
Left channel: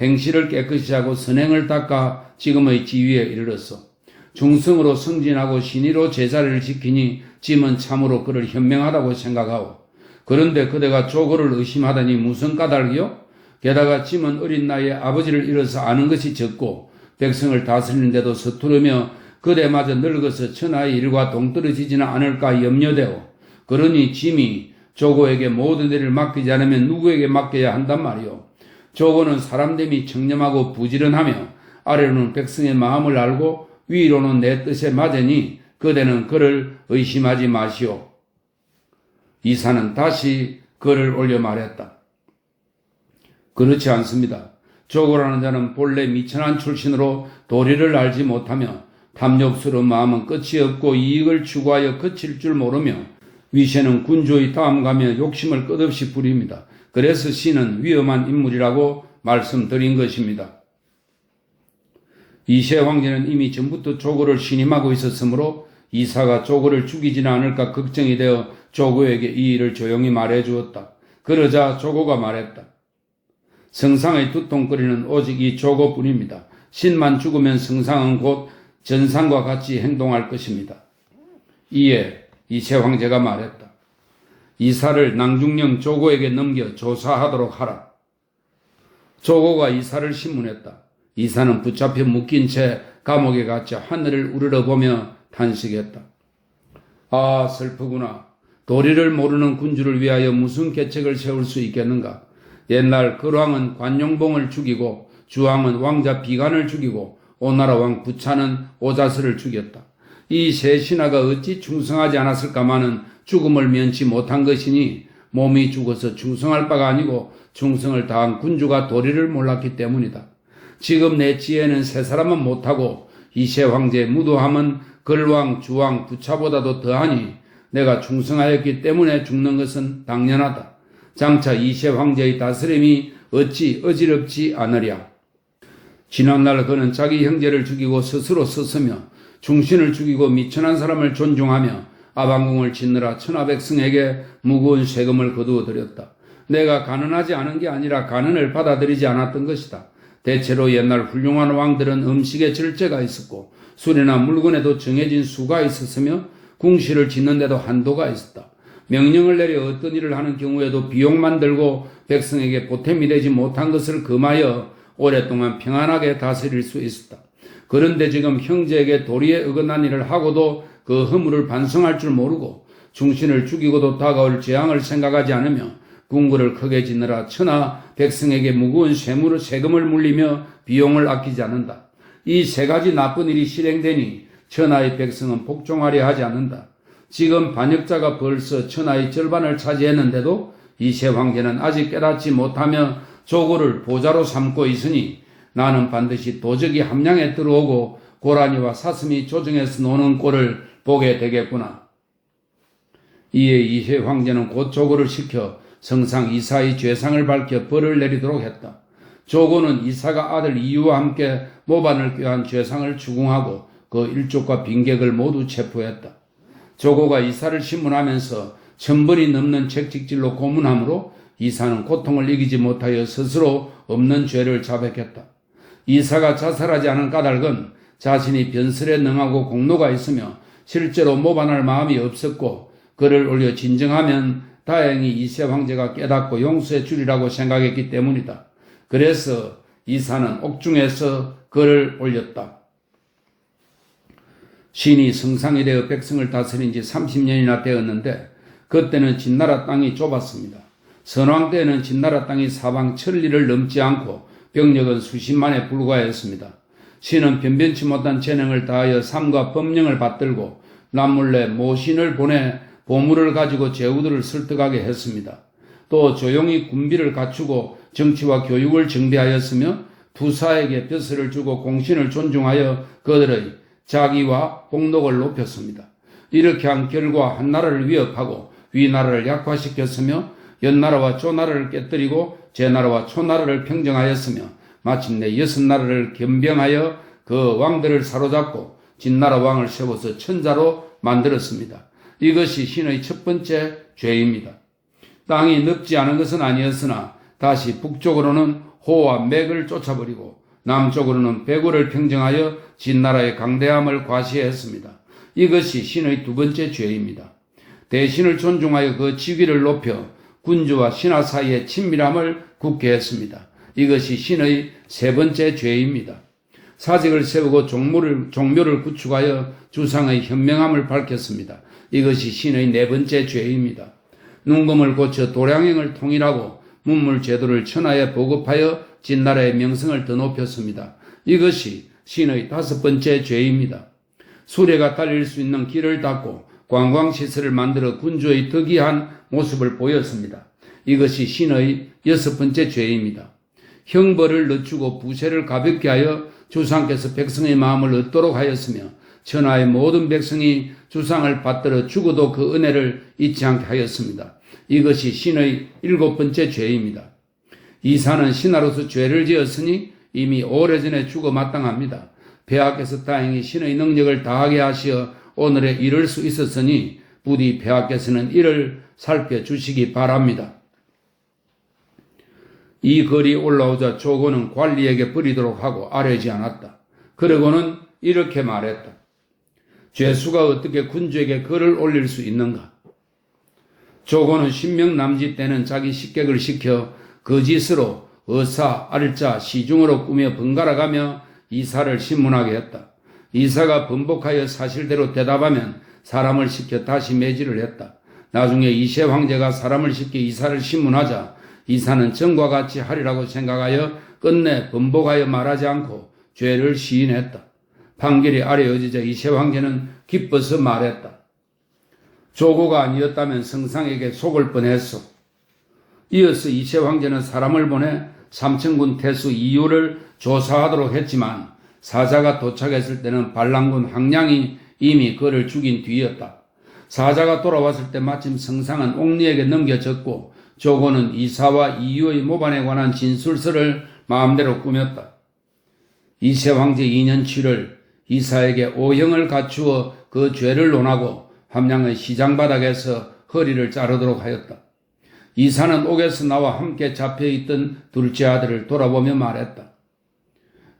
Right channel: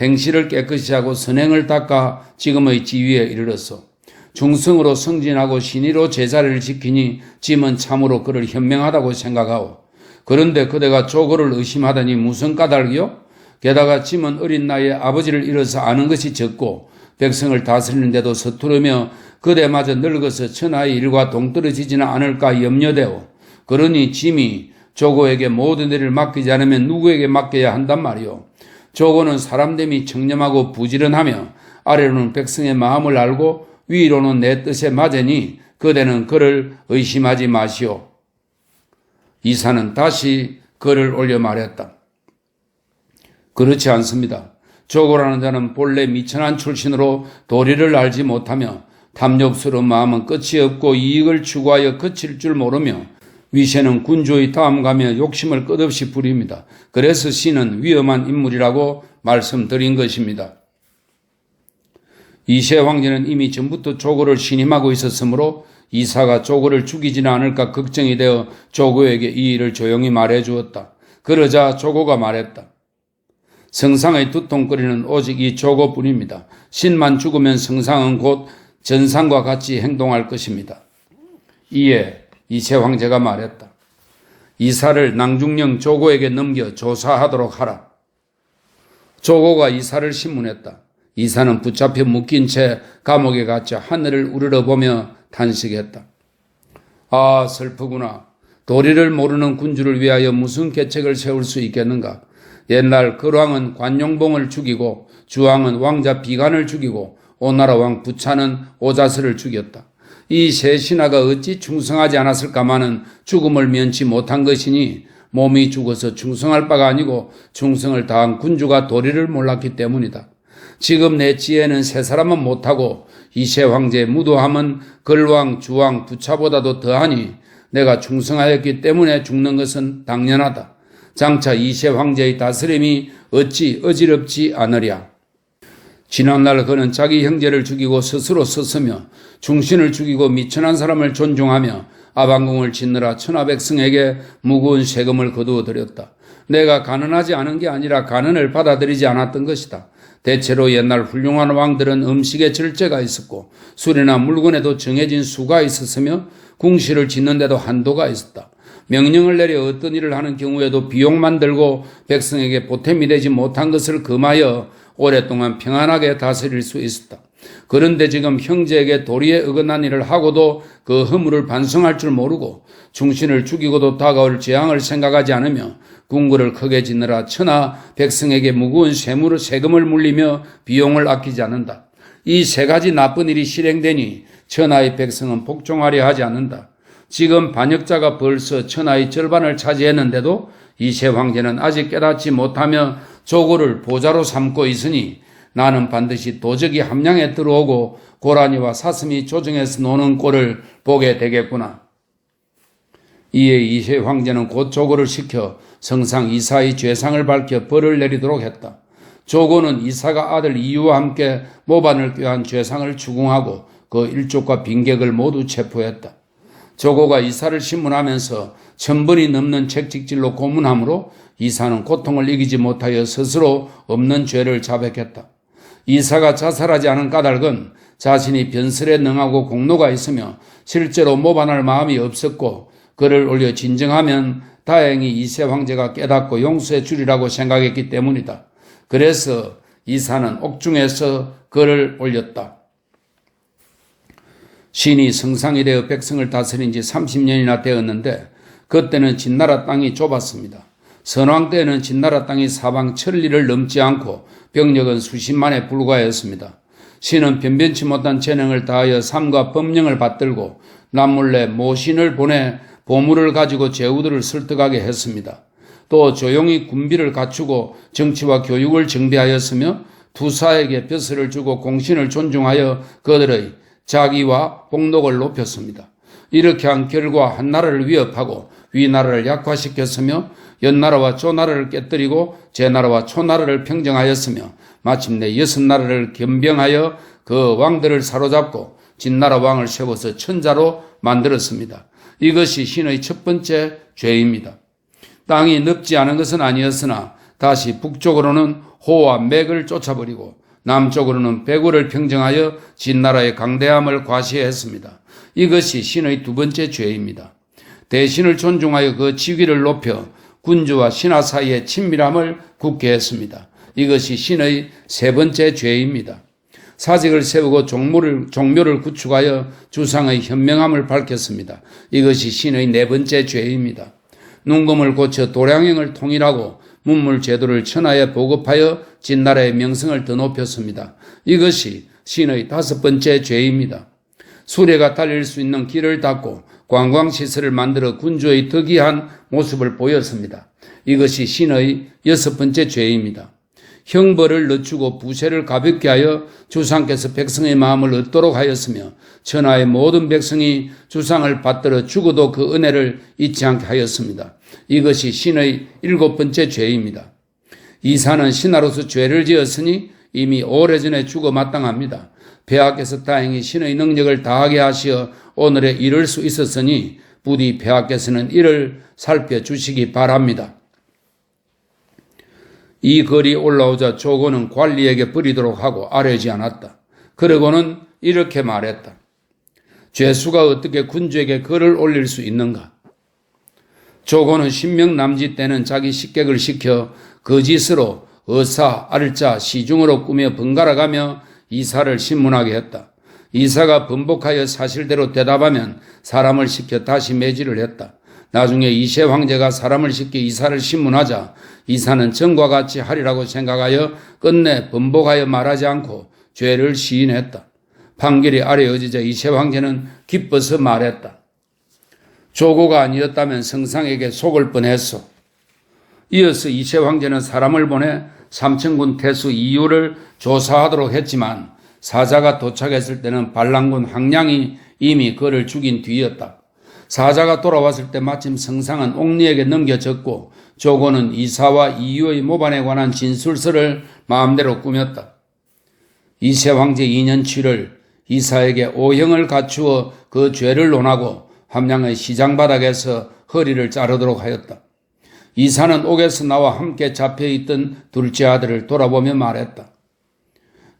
행실을 깨끗이 하고 선행을 닦아 지금의 지위에 이르렀어. 중성으로 승진하고 신의로 제자리를 지키니 짐은 참으로 그를 현명하다고 생각하오. 그런데 그대가 조고를 의심하다니 무슨 까닭이요? 게다가 짐은 어린 나이에 아버지를 잃어서 아는 것이 적고 백성을 다스리는데도 서투르며 그대마저 늙어서 천하의 일과 동떨어지지는 않을까 염려되오. 그러니 짐이 조고에게 모든 일을 맡기지 않으면 누구에게 맡겨야 한단 말이오. 조고는 사람됨이 청렴하고 부지런하며 아래로는 백성의 마음을 알고 위로는 내 뜻에 맞으니 그대는 그를 의심하지 마시오. 이사는 다시 글을 올려 말했다. 그렇지 않습니다. 조고라는 자는 본래 미천한 출신으로 도리를 알지 못하며 탐욕스러운 마음은 끝이 없고 이익을 추구하여 그칠 줄 모르며 위세는 군주의 다음가며 욕심을 끝없이 부립니다. 그래서 신은 위험한 인물이라고 말씀드린 것입니다. 이세 황제는 이미 전부터 조고를 신임하고 있었으므로 이사가 조고를 죽이지는 않을까 걱정이 되어 조고에게 이 일을 조용히 말해 주었다. 그러자 조고가 말했다. 성상의 두통거리는 오직 이 조고뿐입니다. 신만 죽으면 성상은 곧 전상과 같이 행동할 것입니다. 이에 이세 황제가 말했다. 이사를 낭중령 조고에게 넘겨 조사하도록 하라. 조고가 이사를 신문했다. 이사는 붙잡혀 묶인 채 감옥에 갇혀 하늘을 우러러보며 탄식했다. 아, 슬프구나. 도리를 모르는 군주를 위하여 무슨 계책을 세울 수 있겠는가. 옛날 걸왕은 관용봉을 죽이고 주왕은 왕자 비간을 죽이고 오나라 왕 부차는 오자스를 죽였다. 이 세 신하가 어찌 충성하지 않았을까마는 죽음을 면치 못한 것이니 몸이 죽어서 충성할 바가 아니고 충성을 다한 군주가 도리를 몰랐기 때문이다. 지금 내 지혜는 세 사람은 못하고 이세 황제의 무도함은 걸왕, 주왕, 부차보다도 더하니 내가 충성하였기 때문에 죽는 것은 당연하다. 장차 이세 황제의 다스림이 어찌 어지럽지 않으랴. 지난날 그는 자기 형제를 죽이고 스스로 썼으며 중신을 죽이고 미천한 사람을 존중하며 아방궁을 짓느라 천하백성에게 무거운 세금을 거두어 들였다. 내가 가난하지 않은 게 아니라 가난을 받아들이지 않았던 것이다. 대체로 옛날 훌륭한 왕들은 음식에 절제가 있었고 술이나 물건에도 정해진 수가 있었으며 궁시를 짓는데도 한도가 있었다. 명령을 내려 어떤 일을 하는 경우에도 비용만 들고 백성에게 보탬이 되지 못한 것을 금하여 오랫동안 평안하게 다스릴 수 있었다. 그런데 지금 형제에게 도리에 어긋난 일을 하고도 그 허물을 반성할 줄 모르고 중신을 죽이고도 다가올 재앙을 생각하지 않으며 궁궐을 크게 짓느라 천하 백성에게 무거운 세금을 물리며 비용을 아끼지 않는다. 이 세 가지 나쁜 일이 실행되니 천하의 백성은 복종하려 하지 않는다. 지금 반역자가 벌써 천하의 절반을 차지했는데도 이세 황제는 아직 깨닫지 못하며 조고를 보좌로 삼고 있으니 나는 반드시 도적이 함량에 들어오고 고라니와 사슴이 조정해서 노는 꼴을 보게 되겠구나. 이에 이세 황제는 곧 조고를 시켜 성상 이사의 죄상을 밝혀 벌을 내리도록 했다. 조고는 이사가 아들 이유와 함께 모반을 꾀한 죄상을 추궁하고 그 일족과 빈객을 모두 체포했다. 조고가 이사를 신문하면서 1000번이 넘는 책직질로 고문하므로 이사는 고통을 이기지 못하여 스스로 없는 죄를 자백했다. 이사가 자살하지 않은 까닭은 자신이 변설에 능하고 공로가 있으며 실제로 모반할 마음이 없었고 그를 올려 진정하면 다행히 이세 황제가 깨닫고 용서해 주리라고 생각했기 때문이다. 그래서 이사는 옥중에서 글을 올렸다. 신이 성상이 되어 백성을 다스린 지 30년이나 되었는데 그때는 진나라 땅이 좁았습니다. 선왕 때에는 진나라 땅이 사방 천리를 넘지 않고 병력은 수십만에 불과했습니다. 신은 변변치 못한 재능을 다하여 삶과 법령을 받들고 남몰래 모신을 보내 보물을 가지고 제후들을 설득하게 했습니다. 또 조용히 군비를 갖추고 정치와 교육을 정비하였으며 투사에게 벼슬을 주고 공신을 존중하여 그들의 자기와 복록을 높였습니다. 이렇게 한 결과 한 나라를 위협하고 위나라를 약화시켰으며 연나라와 조나라를 깨뜨리고 제나라와 초나라를 평정하였으며 마침내 6나라를 겸병하여 그 왕들을 사로잡고 진나라 왕을 세워서 천자로 만들었습니다. 이것이 신의 첫 번째 죄입니다. 땅이 넓지 않은 것은 아니었으나 다시 북쪽으로는 호와 맥을 쫓아버리고 남쪽으로는 백우를 평정하여 진나라의 강대함을 과시했습니다. 이것이 신의 두 번째 죄입니다. 대신을 존중하여 그 직위를 높여 군주와 신하 사이의 친밀함을 굳게 했습니다. 이것이 신의 세 번째 죄입니다. 사직을 세우고 종묘를 구축하여 주상의 현명함을 밝혔습니다. 이것이 신의 네 번째 죄입니다. 눈금을 고쳐 도량행을 통일하고 문물 제도를 천하에 보급하여 진나라의 명성을 더 높였습니다. 이것이 신의 다섯 번째 죄입니다. 수레가 달릴 수 있는 길을 닫고 관광시설을 만들어 군주의 덕이한 모습을 보였습니다. 이것이 신의 여섯 번째 죄입니다. 형벌을 늦추고 부세를 가볍게 하여 주상께서 백성의 마음을 얻도록 하였으며 천하의 모든 백성이 주상을 받들어 죽어도 그 은혜를 잊지 않게 하였습니다. 이것이 신의 일곱 번째 죄입니다. 이사는 신하로서 죄를 지었으니 이미 오래전에 죽어 마땅합니다. 폐하께서 다행히 신의 능력을 다하게 하시어 오늘에 이를 수 있었으니 부디 폐하께서는 이를 살펴주시기 바랍니다. 이 글이 올라오자 조고는 관리에게 버리도록 하고 아뢰지 않았다. 그러고는 이렇게 말했다. 죄수가 어떻게 군주에게 글을 올릴 수 있는가? 조고는 신명 남짓 때는 자기 식객을 시켜 거짓으로 어사, 알자, 시중으로 꾸며 번갈아가며 이사를 신문하게 했다. 이사가 번복하여 사실대로 대답하면 사람을 시켜 다시 매질을 했다. 나중에 이세 황제가 사람을 시켜 이사를 신문하자 이사는 전과 같이 하리라고 생각하여 끝내 번복하여 말하지 않고 죄를 시인했다. 판결이 아뢰어지자 이세 황제는 기뻐서 말했다. 조고가 아니었다면 성상에게 속을 뻔했소. 이어서 이세 황제는 사람을 보내 삼천군 태수 이유를 조사하도록 했지만 사자가 도착했을 때는 반란군 항량이 이미 그를 죽인 뒤였다. 사자가 돌아왔을 때 마침 성상은 옥리에게 넘겨졌고 조고는 이사와 이유의 모반에 관한 진술서를 마음대로 꾸몄다. 이세 황제 2년 7월 이사에게 오형을 갖추어 그 죄를 논하고 함양의 시장 바닥에서 허리를 자르도록 하였다. 이사는 옥에서 나와 함께 잡혀있던 둘째 아들을 돌아보며 말했다.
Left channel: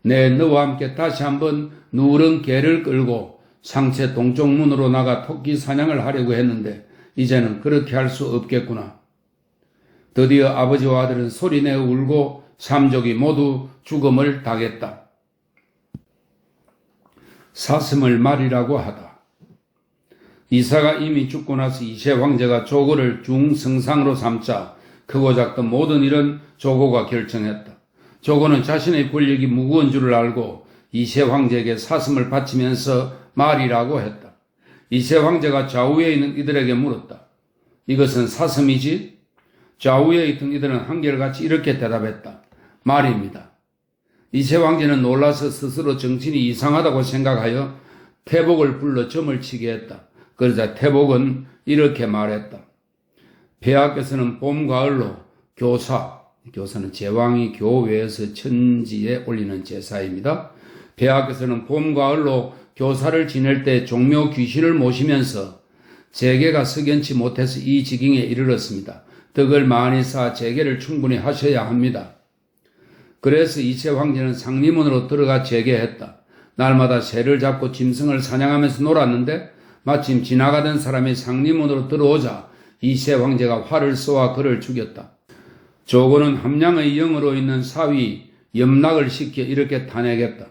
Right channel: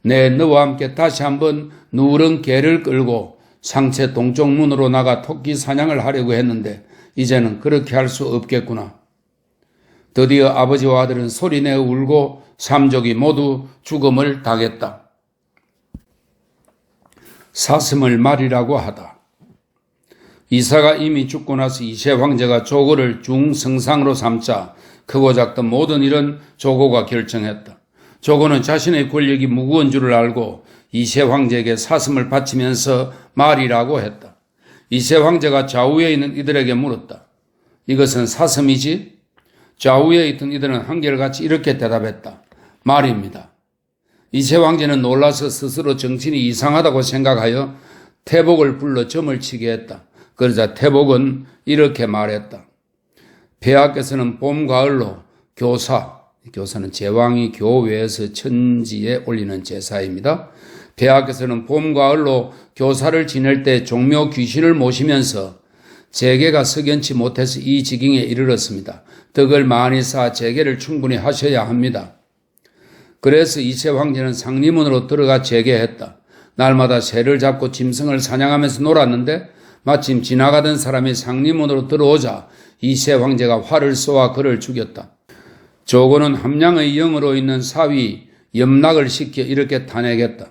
내 너와 함께 다시 한번 누런 개를 끌고 상체 동쪽 문으로 나가 토끼 사냥을 하려고 했는데 이제는 그렇게 할 수 없겠구나. 드디어 아버지와 아들은 소리내어 울고 삼족이 모두 죽음을 당했다. 사슴을 말이라고 하다. 이사가 이미 죽고 나서 이세 황제가 조고를 중성상으로 삼자 크고 작던 모든 일은 조고가 결정했다. 조고는 자신의 권력이 무거운 줄을 알고 이세 황제에게 사슴을 바치면서 말이라고 했다. 이세 황제가 좌우에 있는 이들에게 물었다. 이것은 사슴이지? 좌우에 있던 이들은 한결같이 이렇게 대답했다. 말입니다. 이세 황제는 놀라서 스스로 정신이 이상하다고 생각하여 태복을 불러 점을 치게 했다. 그러자 태복은 이렇게 말했다. 폐하께서는 봄, 가을로 교사는 제왕이 교외에서 천지에 올리는 제사입니다. 폐하께서는 봄, 가을로 교사를 지낼 때 종묘 귀신을 모시면서 재계가 석연치 못해서 이 지경에 이르렀습니다. 덕을 많이 쌓아 재계를 충분히 하셔야 합니다. 그래서 이세 황제는 상림문으로 들어가 재계했다. 날마다 새를 잡고 짐승을 사냥하면서 놀았는데 마침 지나가던 사람이 상림문으로 들어오자 이세 황제가 활을 쏘아 그를 죽였다. 조고는 함량의 영으로 있는 사위 염락을 시켜 이렇게 탄핵했다.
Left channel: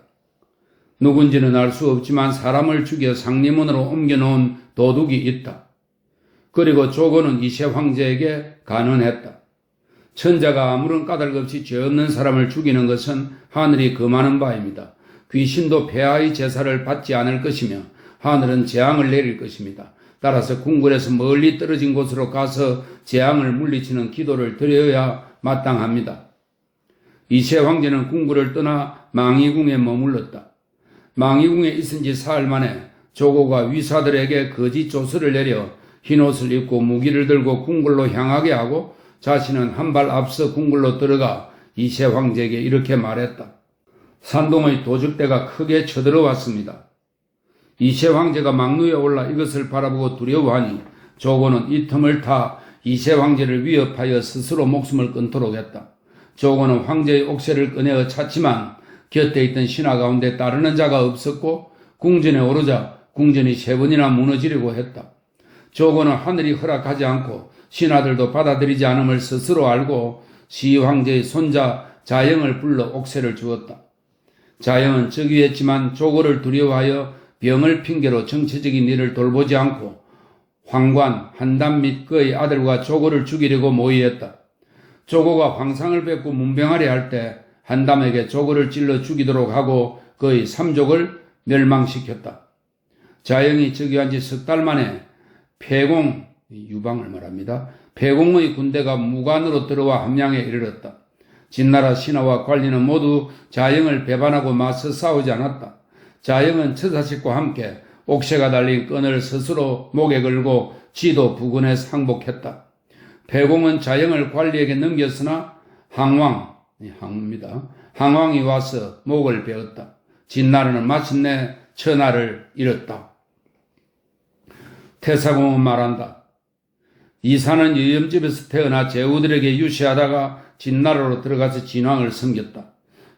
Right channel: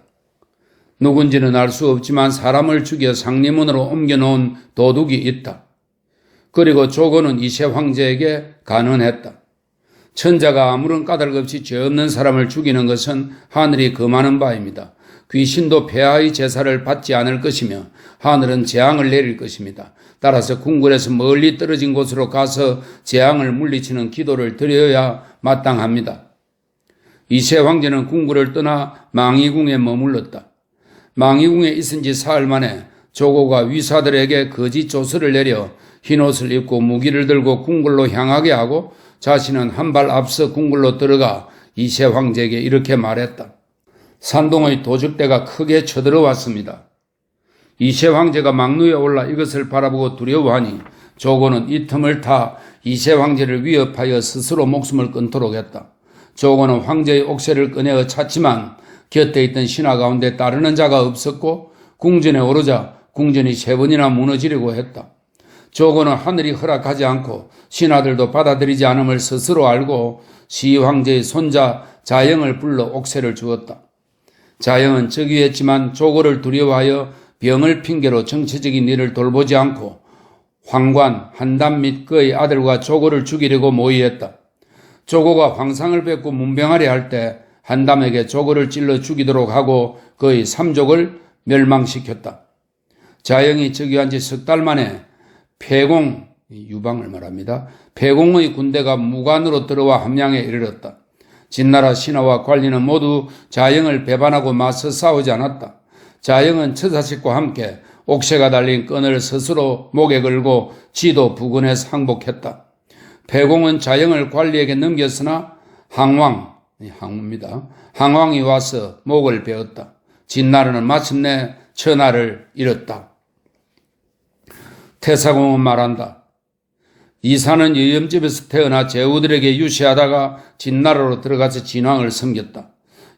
누군지는 알 수 없지만 사람을 죽여 상리문으로 옮겨놓은 도둑이 있다. 그리고 조고는 이세 황제에게 간언했다. 천자가 아무런 까닭 없이 죄 없는 사람을 죽이는 것은 하늘이 금하는 바입니다. 귀신도 폐하의 제사를 받지 않을 것이며 하늘은 재앙을 내릴 것입니다. 따라서 궁궐에서 멀리 떨어진 곳으로 가서 재앙을 물리치는 기도를 드려야 마땅합니다. 이세 황제는 궁궐을 떠나 망이궁에 머물렀다. 망이궁에 있은 지 사흘 만에 조고가 위사들에게 거짓 조서를 내려 흰옷을 입고 무기를 들고 궁궐로 향하게 하고 자신은 한 발 앞서 궁궐로 들어가 이세 황제에게 이렇게 말했다. 산동의 도적대가 크게 쳐들어왔습니다. 이세 황제가 망루에 올라 이것을 바라보고 두려워하니 조고는 이 틈을 타 이세 황제를 위협하여 스스로 목숨을 끊도록 했다. 조고는 황제의 옥새를 꺼내어 찼지만 곁에 있던 신하 가운데 따르는 자가 없었고 궁전에 오르자 궁전이 3번이나 무너지려고 했다. 조고는 하늘이 허락하지 않고 신하들도 받아들이지 않음을 스스로 알고 시황제의 손자 자영을 불러 옥새를 주었다. 자영은 즉위했지만 조고를 두려워하여 병을 핑계로 정치적인 일을 돌보지 않고 황관, 한담 및 그의 아들과 조고를 죽이려고 모의했다. 조고가 황상을 뵙고 문병하려 할 때 한담에게 조고를 찔러 죽이도록 하고 그의 3족을 멸망시켰다. 자영이 즉위한 지 석 달 만에 폐공, 유방을 말합니다. 폐공의 군대가 무관으로 들어와 함양에 이르렀다. 진나라 신하와 관리는 모두 자영을 배반하고 맞서 싸우지 않았다. 자영은 처자식과 함께 옥새가 달린 끈을 스스로 목에 걸고 지도 부근에 상복했다. 폐공은 자영을 관리에게 넘겼으나 항왕이 와서 목을 베었다. 진나라는 마침내 천하를 잃었다. 태사공은 말한다. 이사는 여염집에서 태어나 제후들에게 유시하다가 진나라로 들어가서 진왕을 섬겼다.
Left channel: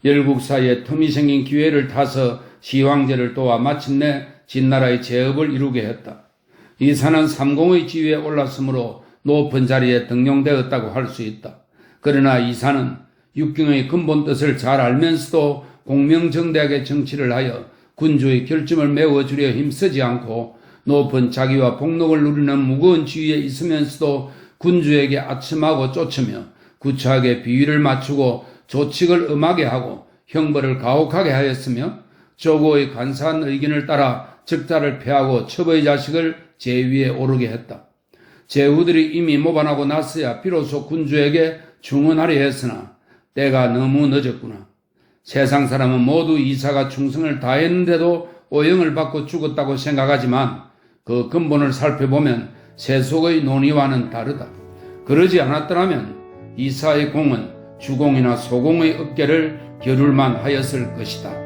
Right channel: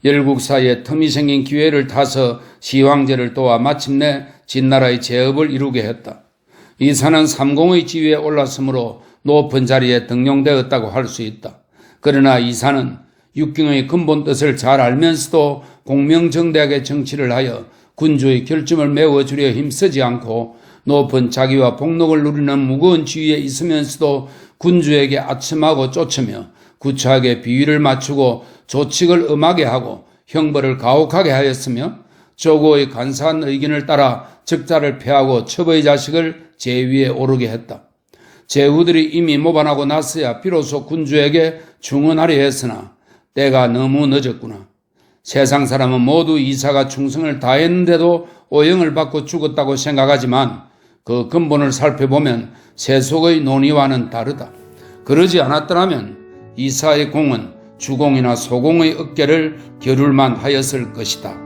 열국 사이에 틈이 생긴 기회를 타서 시황제를 도와 마침내 진나라의 제업을 이루게 했다. 이사는 삼공의 지위에 올랐으므로 높은 자리에 등용되었다고 할 수 있다. 그러나 이사는 육경의 근본 뜻을 잘 알면서도 공명정대하게 정치를 하여 군주의 결점을 메워주려 힘쓰지 않고 높은 자기와 복록을 누리는 무거운 지위에 있으면서도 군주에게 아첨하고 쫓으며 구차하게 비위를 맞추고 조칙을 엄하게 하고 형벌을 가혹하게 하였으며 조고의 간사한 의견을 따라 적자를 패하고 첩의 자식을 제위에 오르게 했다. 제후들이 이미 모반하고 났어야 비로소 군주에게 충언하려 했으나 때가 너무 늦었구나. 세상 사람은 모두 이사가 충성을 다했는데도 오형을 받고 죽었다고 생각하지만 그 근본을 살펴보면 세속의 논의와는 다르다. 그러지 않았더라면 이사의 공은 주공이나 소공의 어깨를 겨룰만 하였을 것이다.